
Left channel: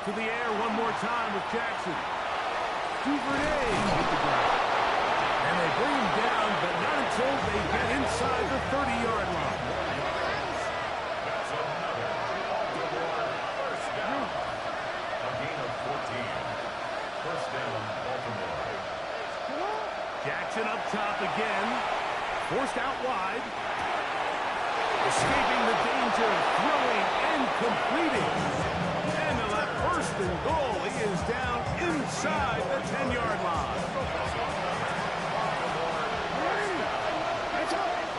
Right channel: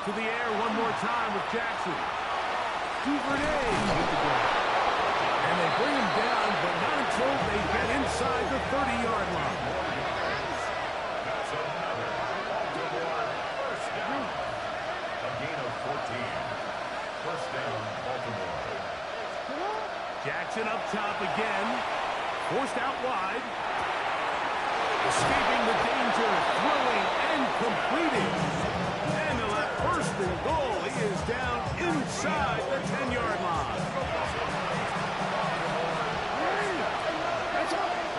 To the air one more time with Jackson. Duvernay hit the ground. And they bring him down, but not until they get inside the 30-yard line. That's another Baltimore first down. A gain of 14. First down, Baltimore. Jackson up top again. Forced out wide. Escaping the danger, throwing and completing. And they'll have first and goal. He is down inside the 10-yard line.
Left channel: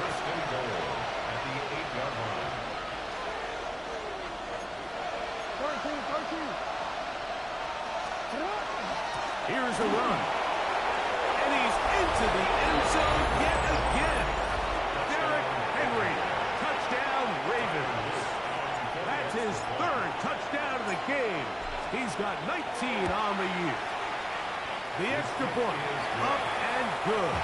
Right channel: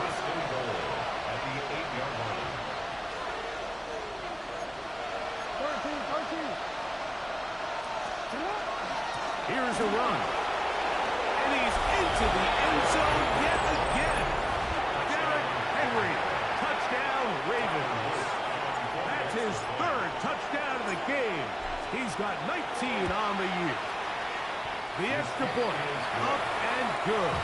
First and goal at the 8-yard line. Here's a run. And he's into the end zone yet again. Derrick Henry. Touchdown, Ravens. That's his 3rd touchdown of the game. He's got 19 on the year. The extra point up and good.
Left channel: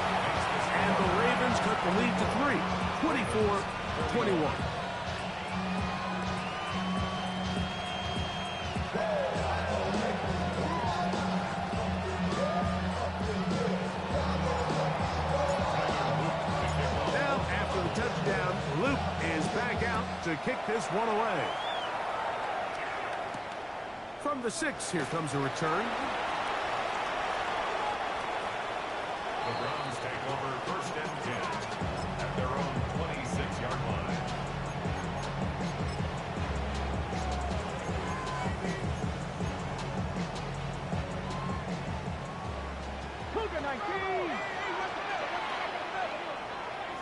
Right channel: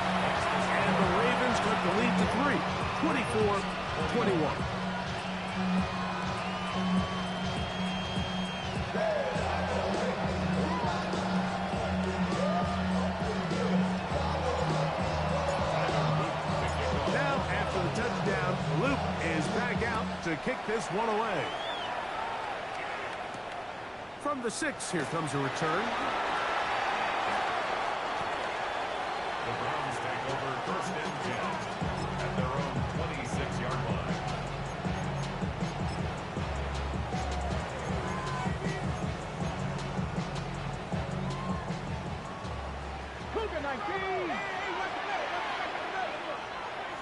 And the Ravens cut the lead to 3, 24-21. Now, after the touchdown, Luke is back out to kick this one away. From the 6, here comes a return. The Browns take over first and 10 at their own 26-yard line. Cougar 19.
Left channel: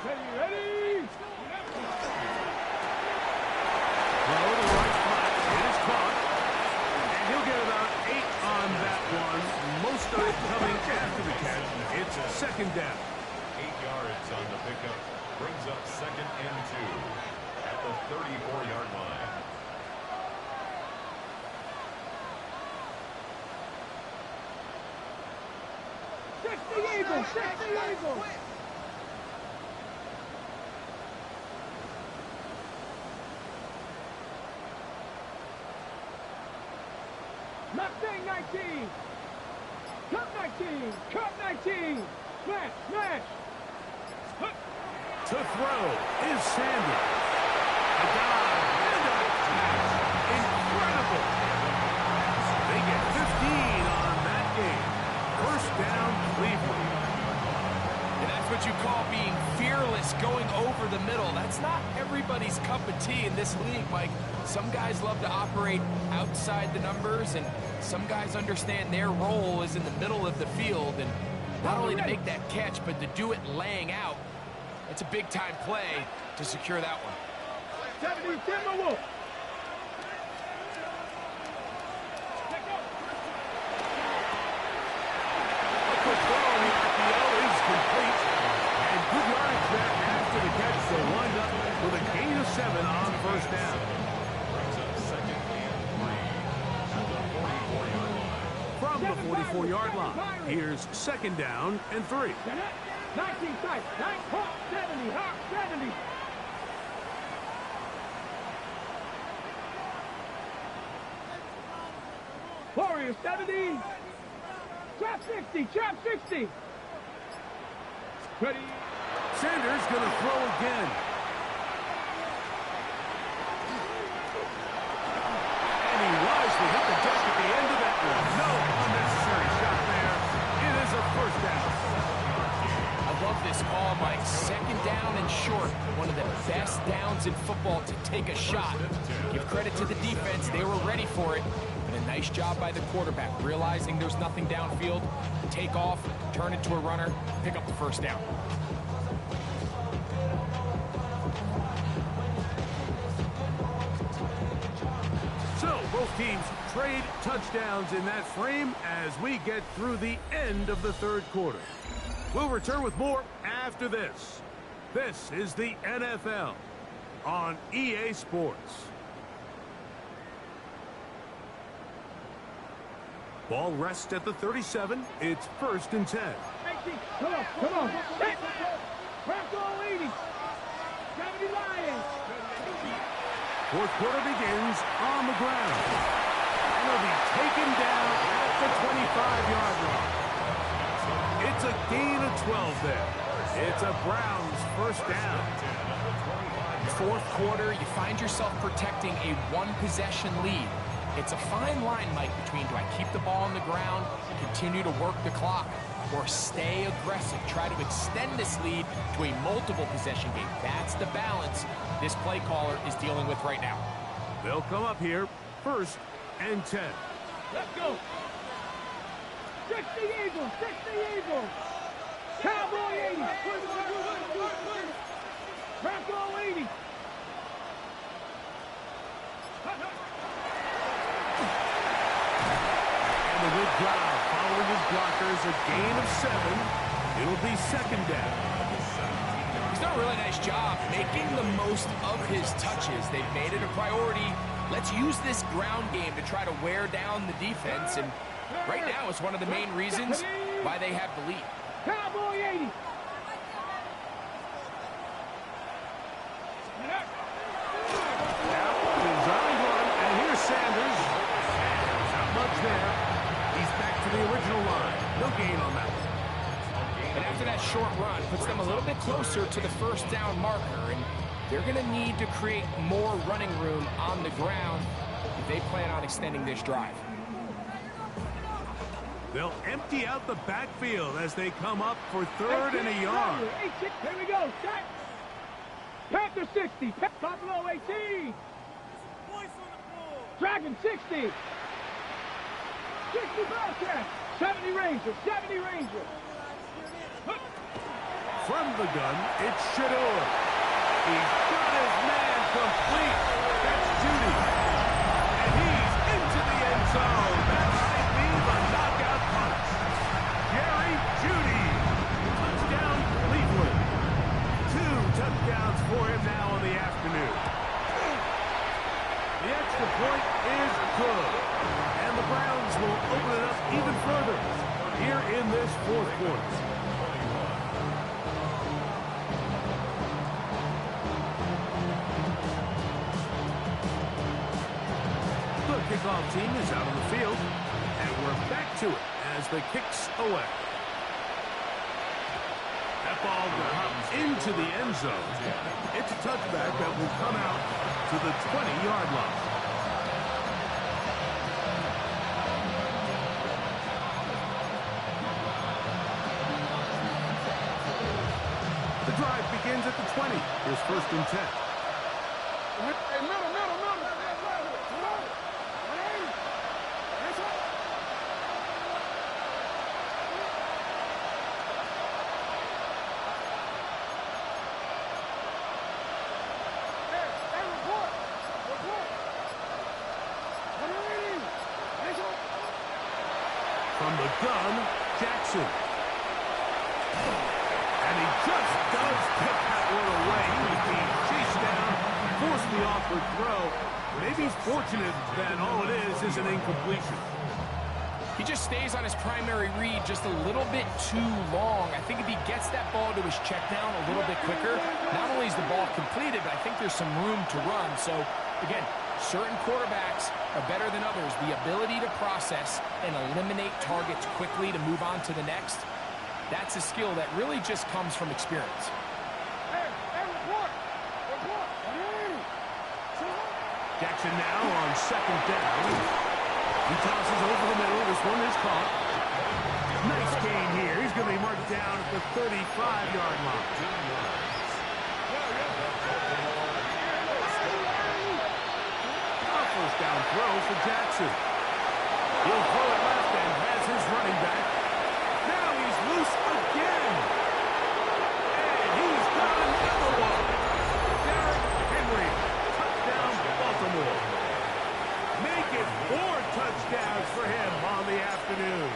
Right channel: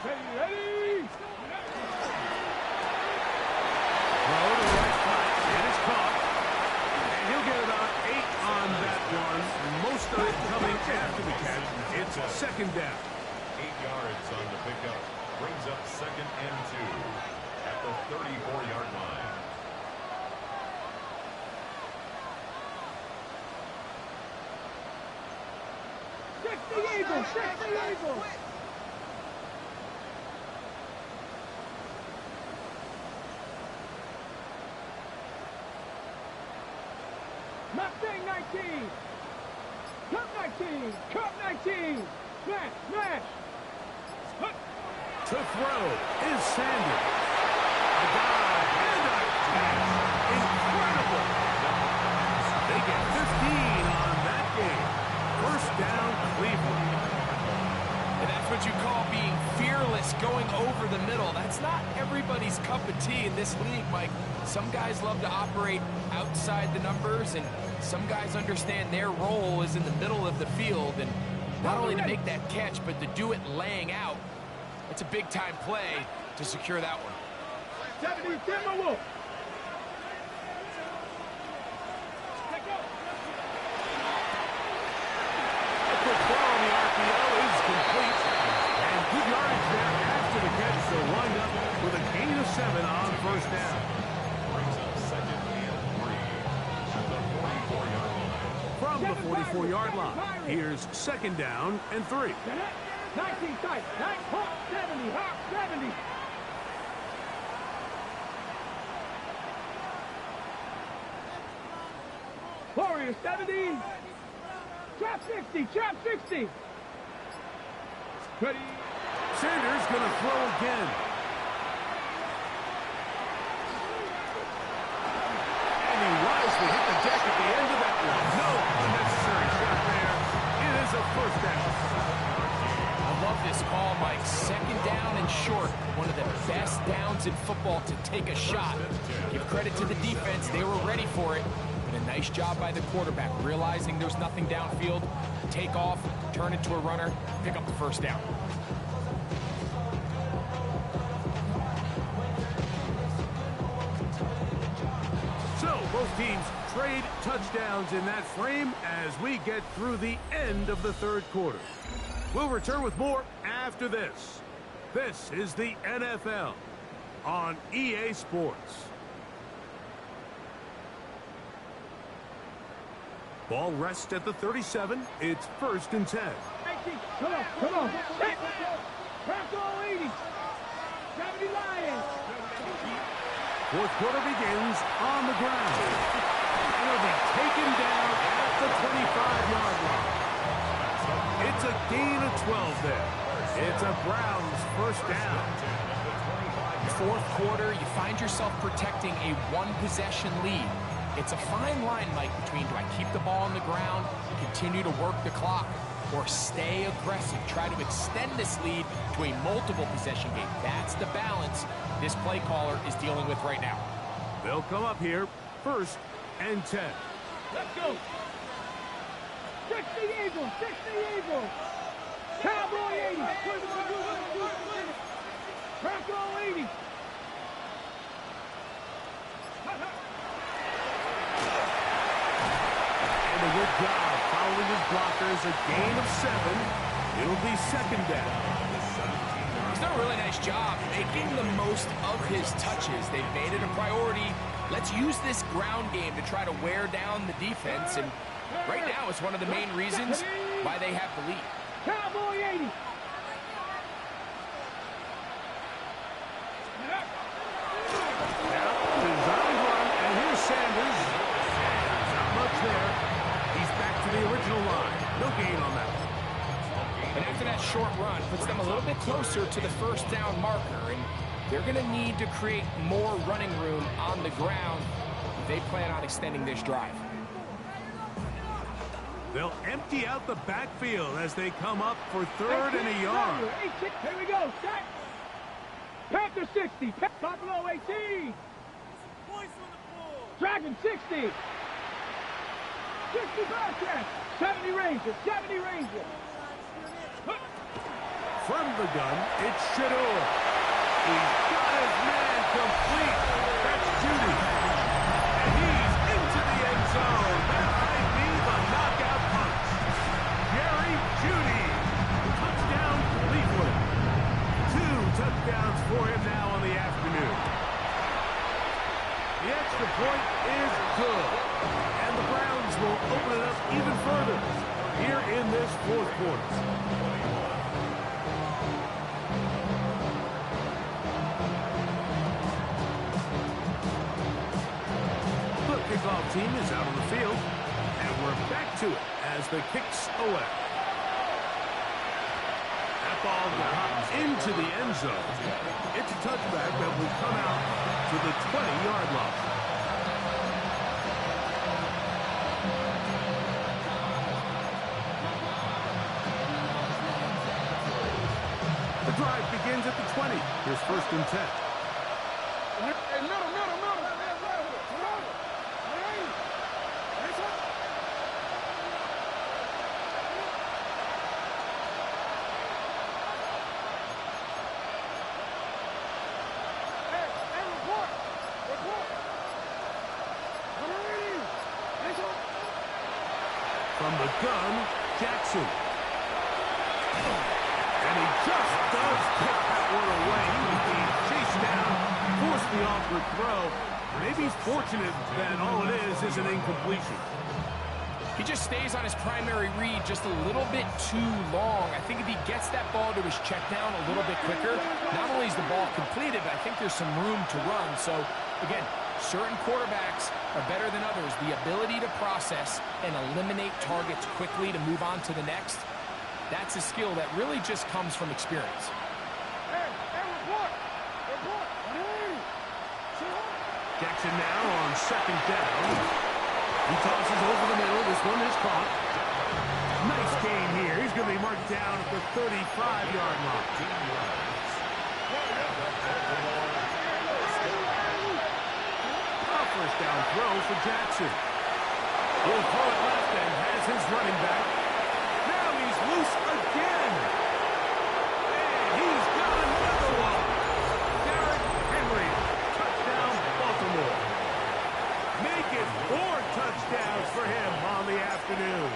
Ready. Throw to the right flat. It is caught. And he'll get about 8 on that one. Most of it coming after the catch. It's second down. 8 yards on the pickup. Brings up second and 2 at the 34-yard line. Check the Eagles. Check the Eagles. Mustang 19. Cup 19. Cup 19. Smash. Smash. To throw is Sanders. A dive and a catch. Incredible. They get 15 on that game. First down, Cleveland. And that's what you call being fearless, going over the middle. That's not everybody's cup of tea in this league, Mike. Some guys love to operate outside the numbers, and some guys understand their role is in the middle of the field. And not only to make that catch, but to do it laying out. It's a big-time play to secure that one. 70 Timberwolves. yardage there after the catch. They'll wind up with a gain of 7 on first down. Brings up 2nd and 3 at the 44-yard line. From the 44-yard line, here's 2nd down and 3. 19 tight. 9 Hawk 70. Hawk 70. Warriors 70. Trap 60. Trap 60. Ready. Sanders going to throw again. And he wisely hit the deck at the end of that one. No unnecessary shot there. It is a first down. I love this call, Mike. 2nd down and short. One of the best downs in football to take a shot. Give credit to the defense. They were ready for it. But a nice job by the quarterback, realizing there's nothing downfield. Take off, turn it to a runner, pick up the first down. So, both teams trade touchdowns in that frame as we get through the end of the 3rd quarter. We'll return with more after this. This is the NFL on EA Sports. Ball rests at the 37. It's 1st and 10. Come on, come on. Bronco 80. 70 Lions. 4th quarter begins on the ground. And he'll be taken down at the 25-yard line. It's a gain of 12 there. It's a Browns first down. 4th quarter, you find yourself protecting a 1-possession lead. It's a fine line, Mike, between do I keep the ball on the ground, continue to work the clock, or stay aggressive, try to extend this lead to a multiple possession game. That's the balance this play caller is dealing with right now. They'll come up here 1st and 10. Let's go. 60 Eagles, 60 Eagles. Cowboy 80. Bronco 80. And a good job following his blockers. A gain of 7. It'll be 2nd down. He's done a really nice job making the most of his touches. They've made it a priority. Let's use this ground game to try to wear down the defense. And right now it's one of the main reasons why they have the lead. Cowboy 80. Now, designed run, and here's Sanders. And not much there. He's back to the original line. No gain on that one. And after that short run, puts them a little bit closer to the first down marker. And they're going to need to create more running room on the ground if they plan on extending this drive. They'll empty out the backfield as they come up for 3rd and a yard. Here we go. Set. Panther 60. Buffalo 18. Dragon 60. 60 Bobcats. 70 Rangers. 70 Rangers. From the gun, it's Shador. He's got his man complete. That's Judy. And he's into the end zone. That might be the knockout punch. Jerry Judy. Touchdown, Cleveland. 2 touchdowns for him now on the afternoon. The extra point is good. And the Browns will open it up even further here in this 4th quarter. The kickoff team is out on the field, and we're back to it as the kick's away. That ball going to hop into the end zone. It's a touchback that will come out to the 20-yard line. The drive begins at the 20. Here's 1st and 10. Hey, middle. Report. From the gun, Jackson. And And he just does kick that one away. He was being chased down, forced the awkward throw. Maybe he's fortunate that all it is an incompletion. He just stays on his primary read just a little bit too long. I think if he gets that ball to his check down a little bit quicker, not only is the ball completed, but I think there's some room to run. So, again, certain quarterbacks are better than others. The ability to process and eliminate targets quickly to move on to the next, that's a skill that really just comes from experience. Jackson now on second down. He tosses over the middle. This one is caught. Nice gain here. He's going to be marked down at the 35-yard line. A first down throw for Jackson. He'll throw it left and has his running back. Now he's loose again. And he's got another one. Derrick Henry. Touchdown, Baltimore. Make it 4 touchdowns for him on the afternoon.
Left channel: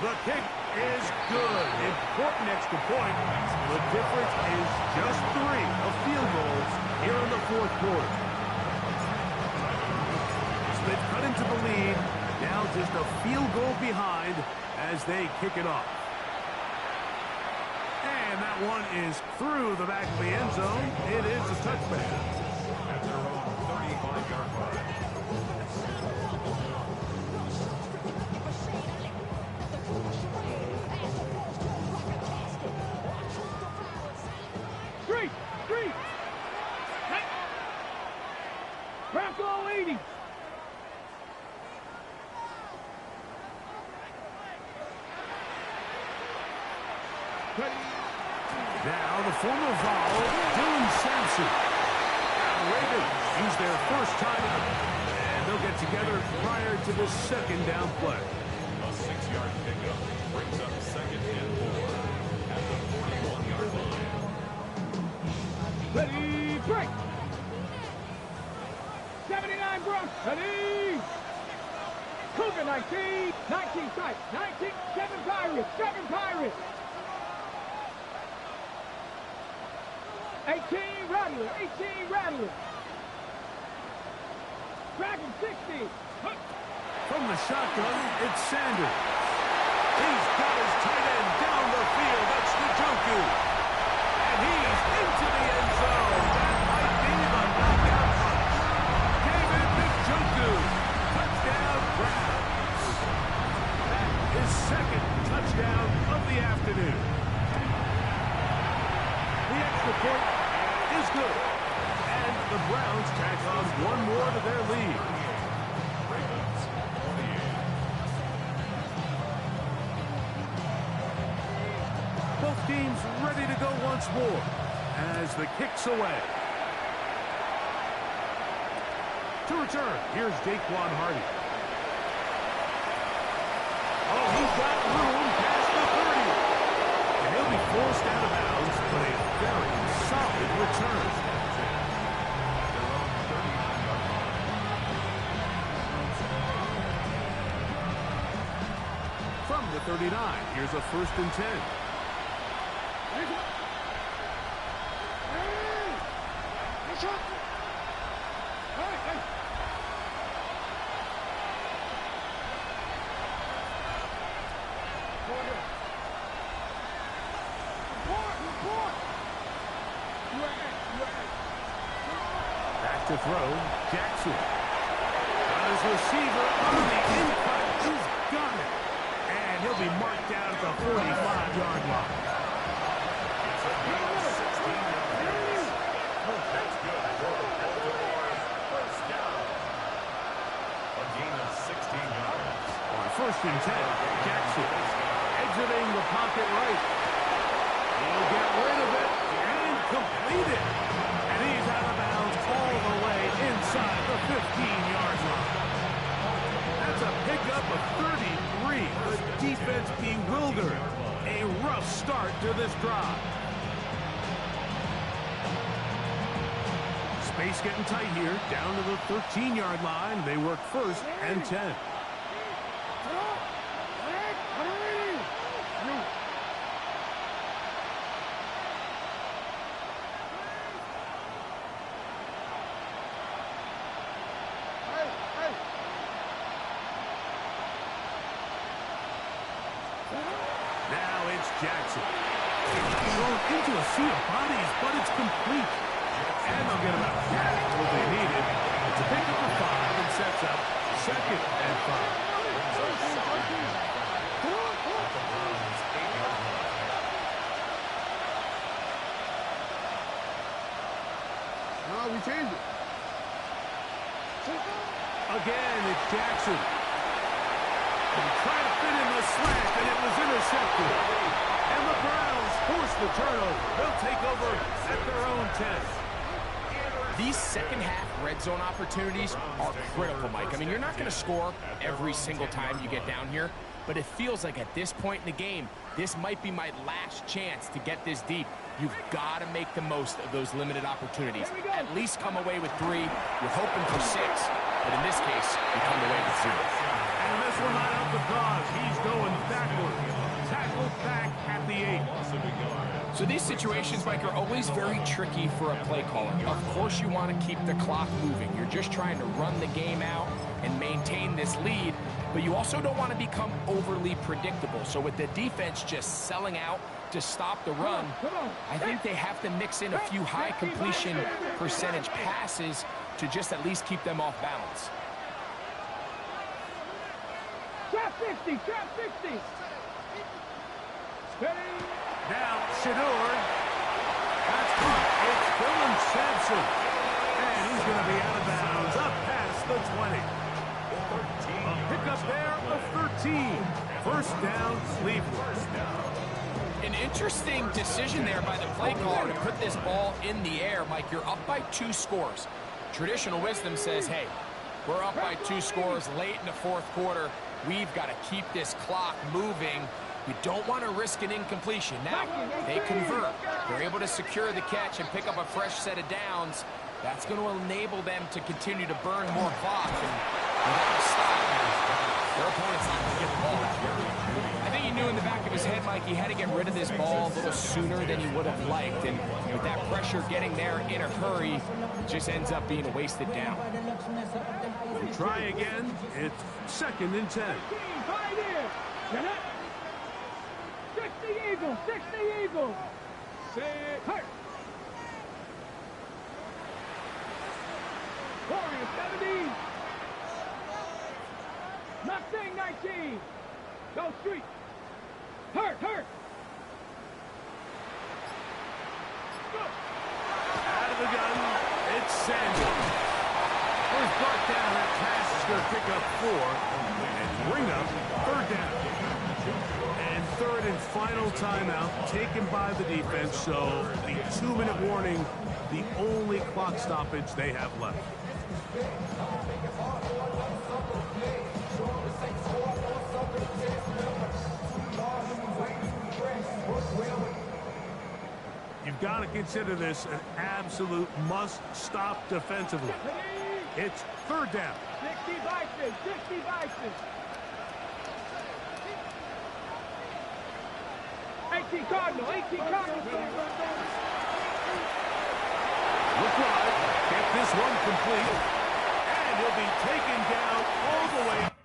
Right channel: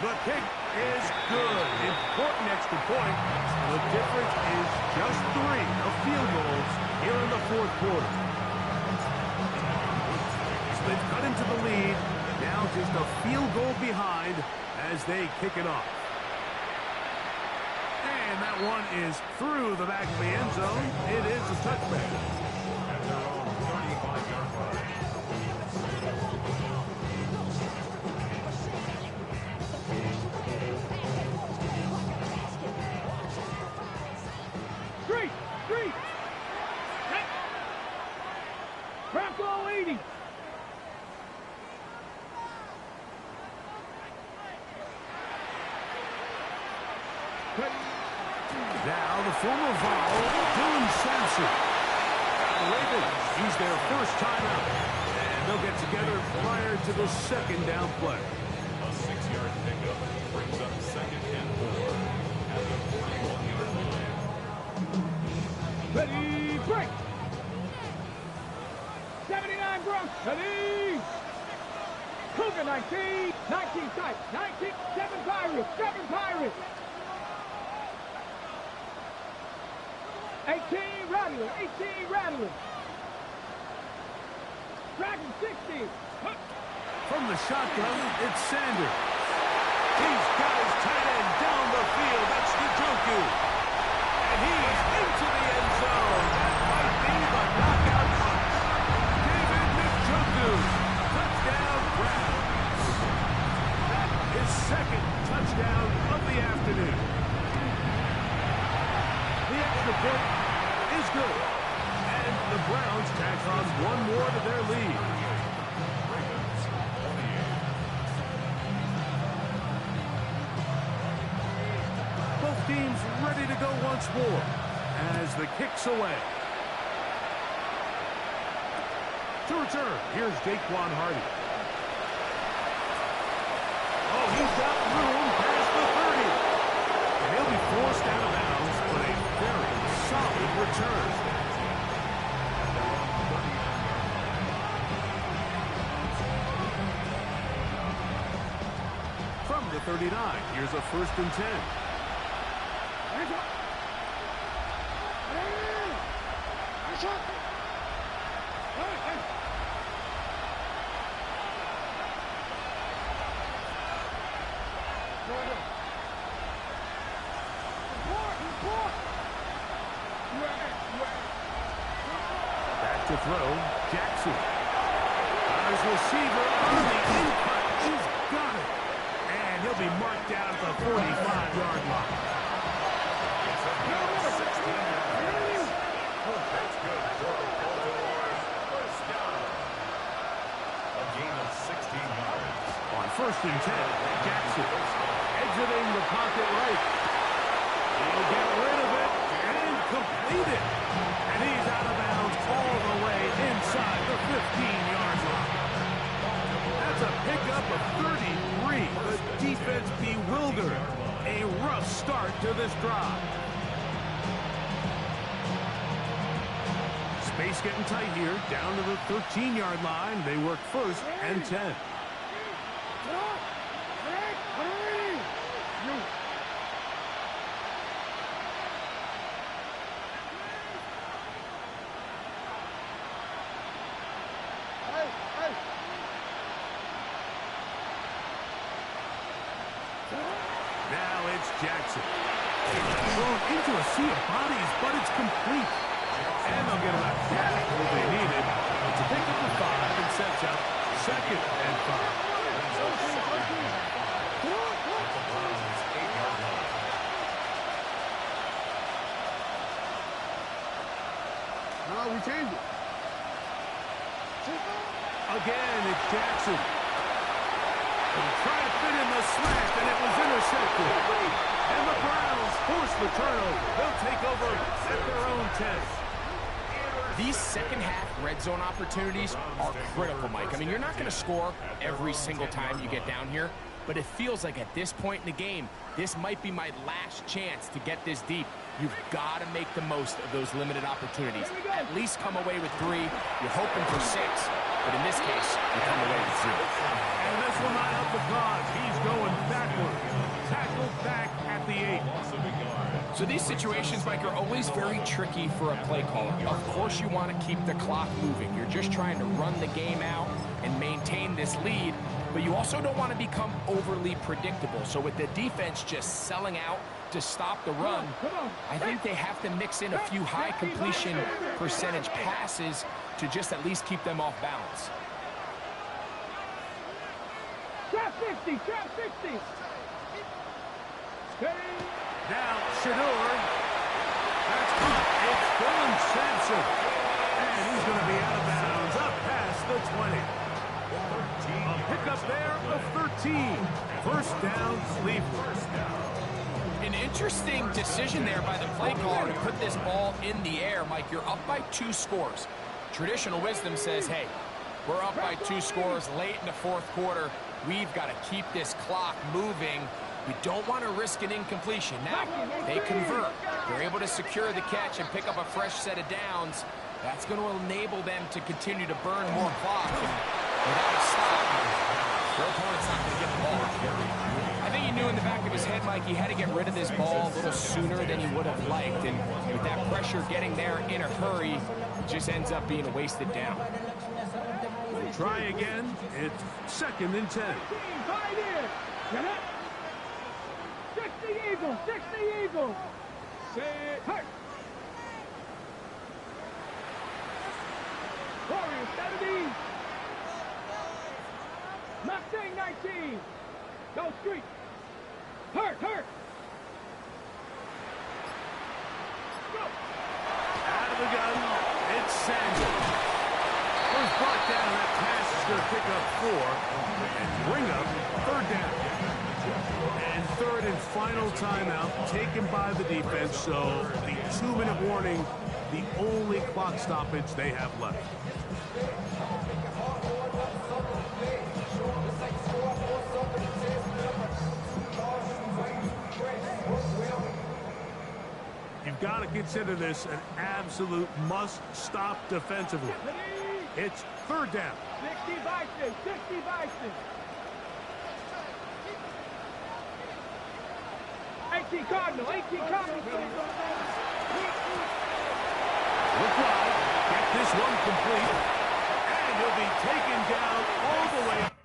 The kick is good. Important extra point. The difference is just 3 of field goals here in the fourth quarter. So they've cut into the lead. Now just a field goal behind as they kick it off. And that one is through the back of the end zone. It is a touchback. At their own 35-yard line. Three. Bronco 80. Now the former Vol, Dylan Sampson. The Ravens use their first timeout, and they'll get together prior to the second down play. A 6-yard pickup brings up 2nd and 4 at the 41-yard line. Ready, break. 79 Bronx. Ready. Cougar 19. 19 tight. 19. 7 Pirates. 7 Pirates. 18 Rattler. 18 Rattler. Dragon 60. From the shotgun, it's Sanders. He's got his tight end down the field. That's Njoku. And he's into the end zone. That might be the knockout punch. David Njoku. Touchdown, Browns. That is 2nd touchdown of the afternoon. The extra point is good. And the Browns tack on one more to their lead. Ravens 28. Both teams ready to go once more as the kick's away. To return, here's Daquan Hardy. Oh, he's got room past the 30. And he'll be forced out of bounds, but a very solid return. At their own 39-yard line. From the 39, here's a 1st and 10. Back to throw, Jackson. Got his receiver on the in-cut. He's got it. And he'll be marked down at the 45-yard line. It's a gain of 16 yards. That's good for Baltimore's first down. A gain of 16 yards. On 1st and 10, Jackson exiting the pocket right. He'll get rid of it and complete it. And he's out of bounds all the way inside the 15-yard line. That's a pickup of 33. The defense bewildered. A rough start to this drive. Space getting tight here. Down to the 13-yard line. They work 1st and 10. it's Jackson. Thrown into a sea of bodies, but it's complete. And they'll get about half what they needed to pick up the 5 and sets up 2nd and 5. No, we changed it. Again, it's Jackson. And trying to fit in the slant, and it was intercepted. And the Browns force the turnover. They'll take over at their own 10. These second-half red zone opportunities are critical, Mike. I mean, you're not going to score every single time you get down here, but it feels like at this point in the game, this might be my last chance to get this deep. You've got to make the most of those limited opportunities. At least come away with 3. You're hoping for 6, but in this case, you come away with 0. And this will not help the cause. He's going backward. Tackled back at the 8. So these situations, Mike, are always very tricky for a play caller. Of course you want to keep the clock moving. You're just trying to run the game out and maintain this lead, but you also don't want to become overly predictable. So with the defense just selling out to stop the run, I think they have to mix in a few high completion percentage passes to just at least keep them off balance. Trap 50, trap 50. Steady. Now, Shador. That's caught. It's Dylan Sampson. And he's going to be out of bounds up past the 20. A pickup there of 13. First down, Cleveland. An interesting decision there by the play caller to put this ball in the air. Mike, you're up by 2 scores. Traditional wisdom says, hey, we're up by 2 scores late in the 4th quarter. We've got to keep this clock moving. We don't want to risk an incompletion. Now, they convert. They're able to secure the catch and pick up a fresh set of downs. That's going to enable them to continue to burn more clock. And without a stop, their opponent's not going to get the ball. I think he knew in the back of his head, Mike, he had to get rid of this ball a little sooner than he would have liked. And with that pressure getting there in a hurry, it just ends up being a wasted down. We try again. It's 2nd and 10. Right in. 60 Eagles, 60 Eagles. Say hurt. Warriors 70. Mustang 19. Go street. Hurt, hurt. Go. Out of the gun, it's Sanders. First brought down, that pass is going to pick up 4 and bring up 3rd down. And 3rd and final timeout taken by the defense, so the 2-minute warning, the only clock stoppage they have left. You've got to consider this an absolute must-stop defensively. It's 3rd down. 60 Bison, 60 Bison. 18 Cardinal, 18 Cardinal. Look wide, get this one complete, and he'll be taken down all the way.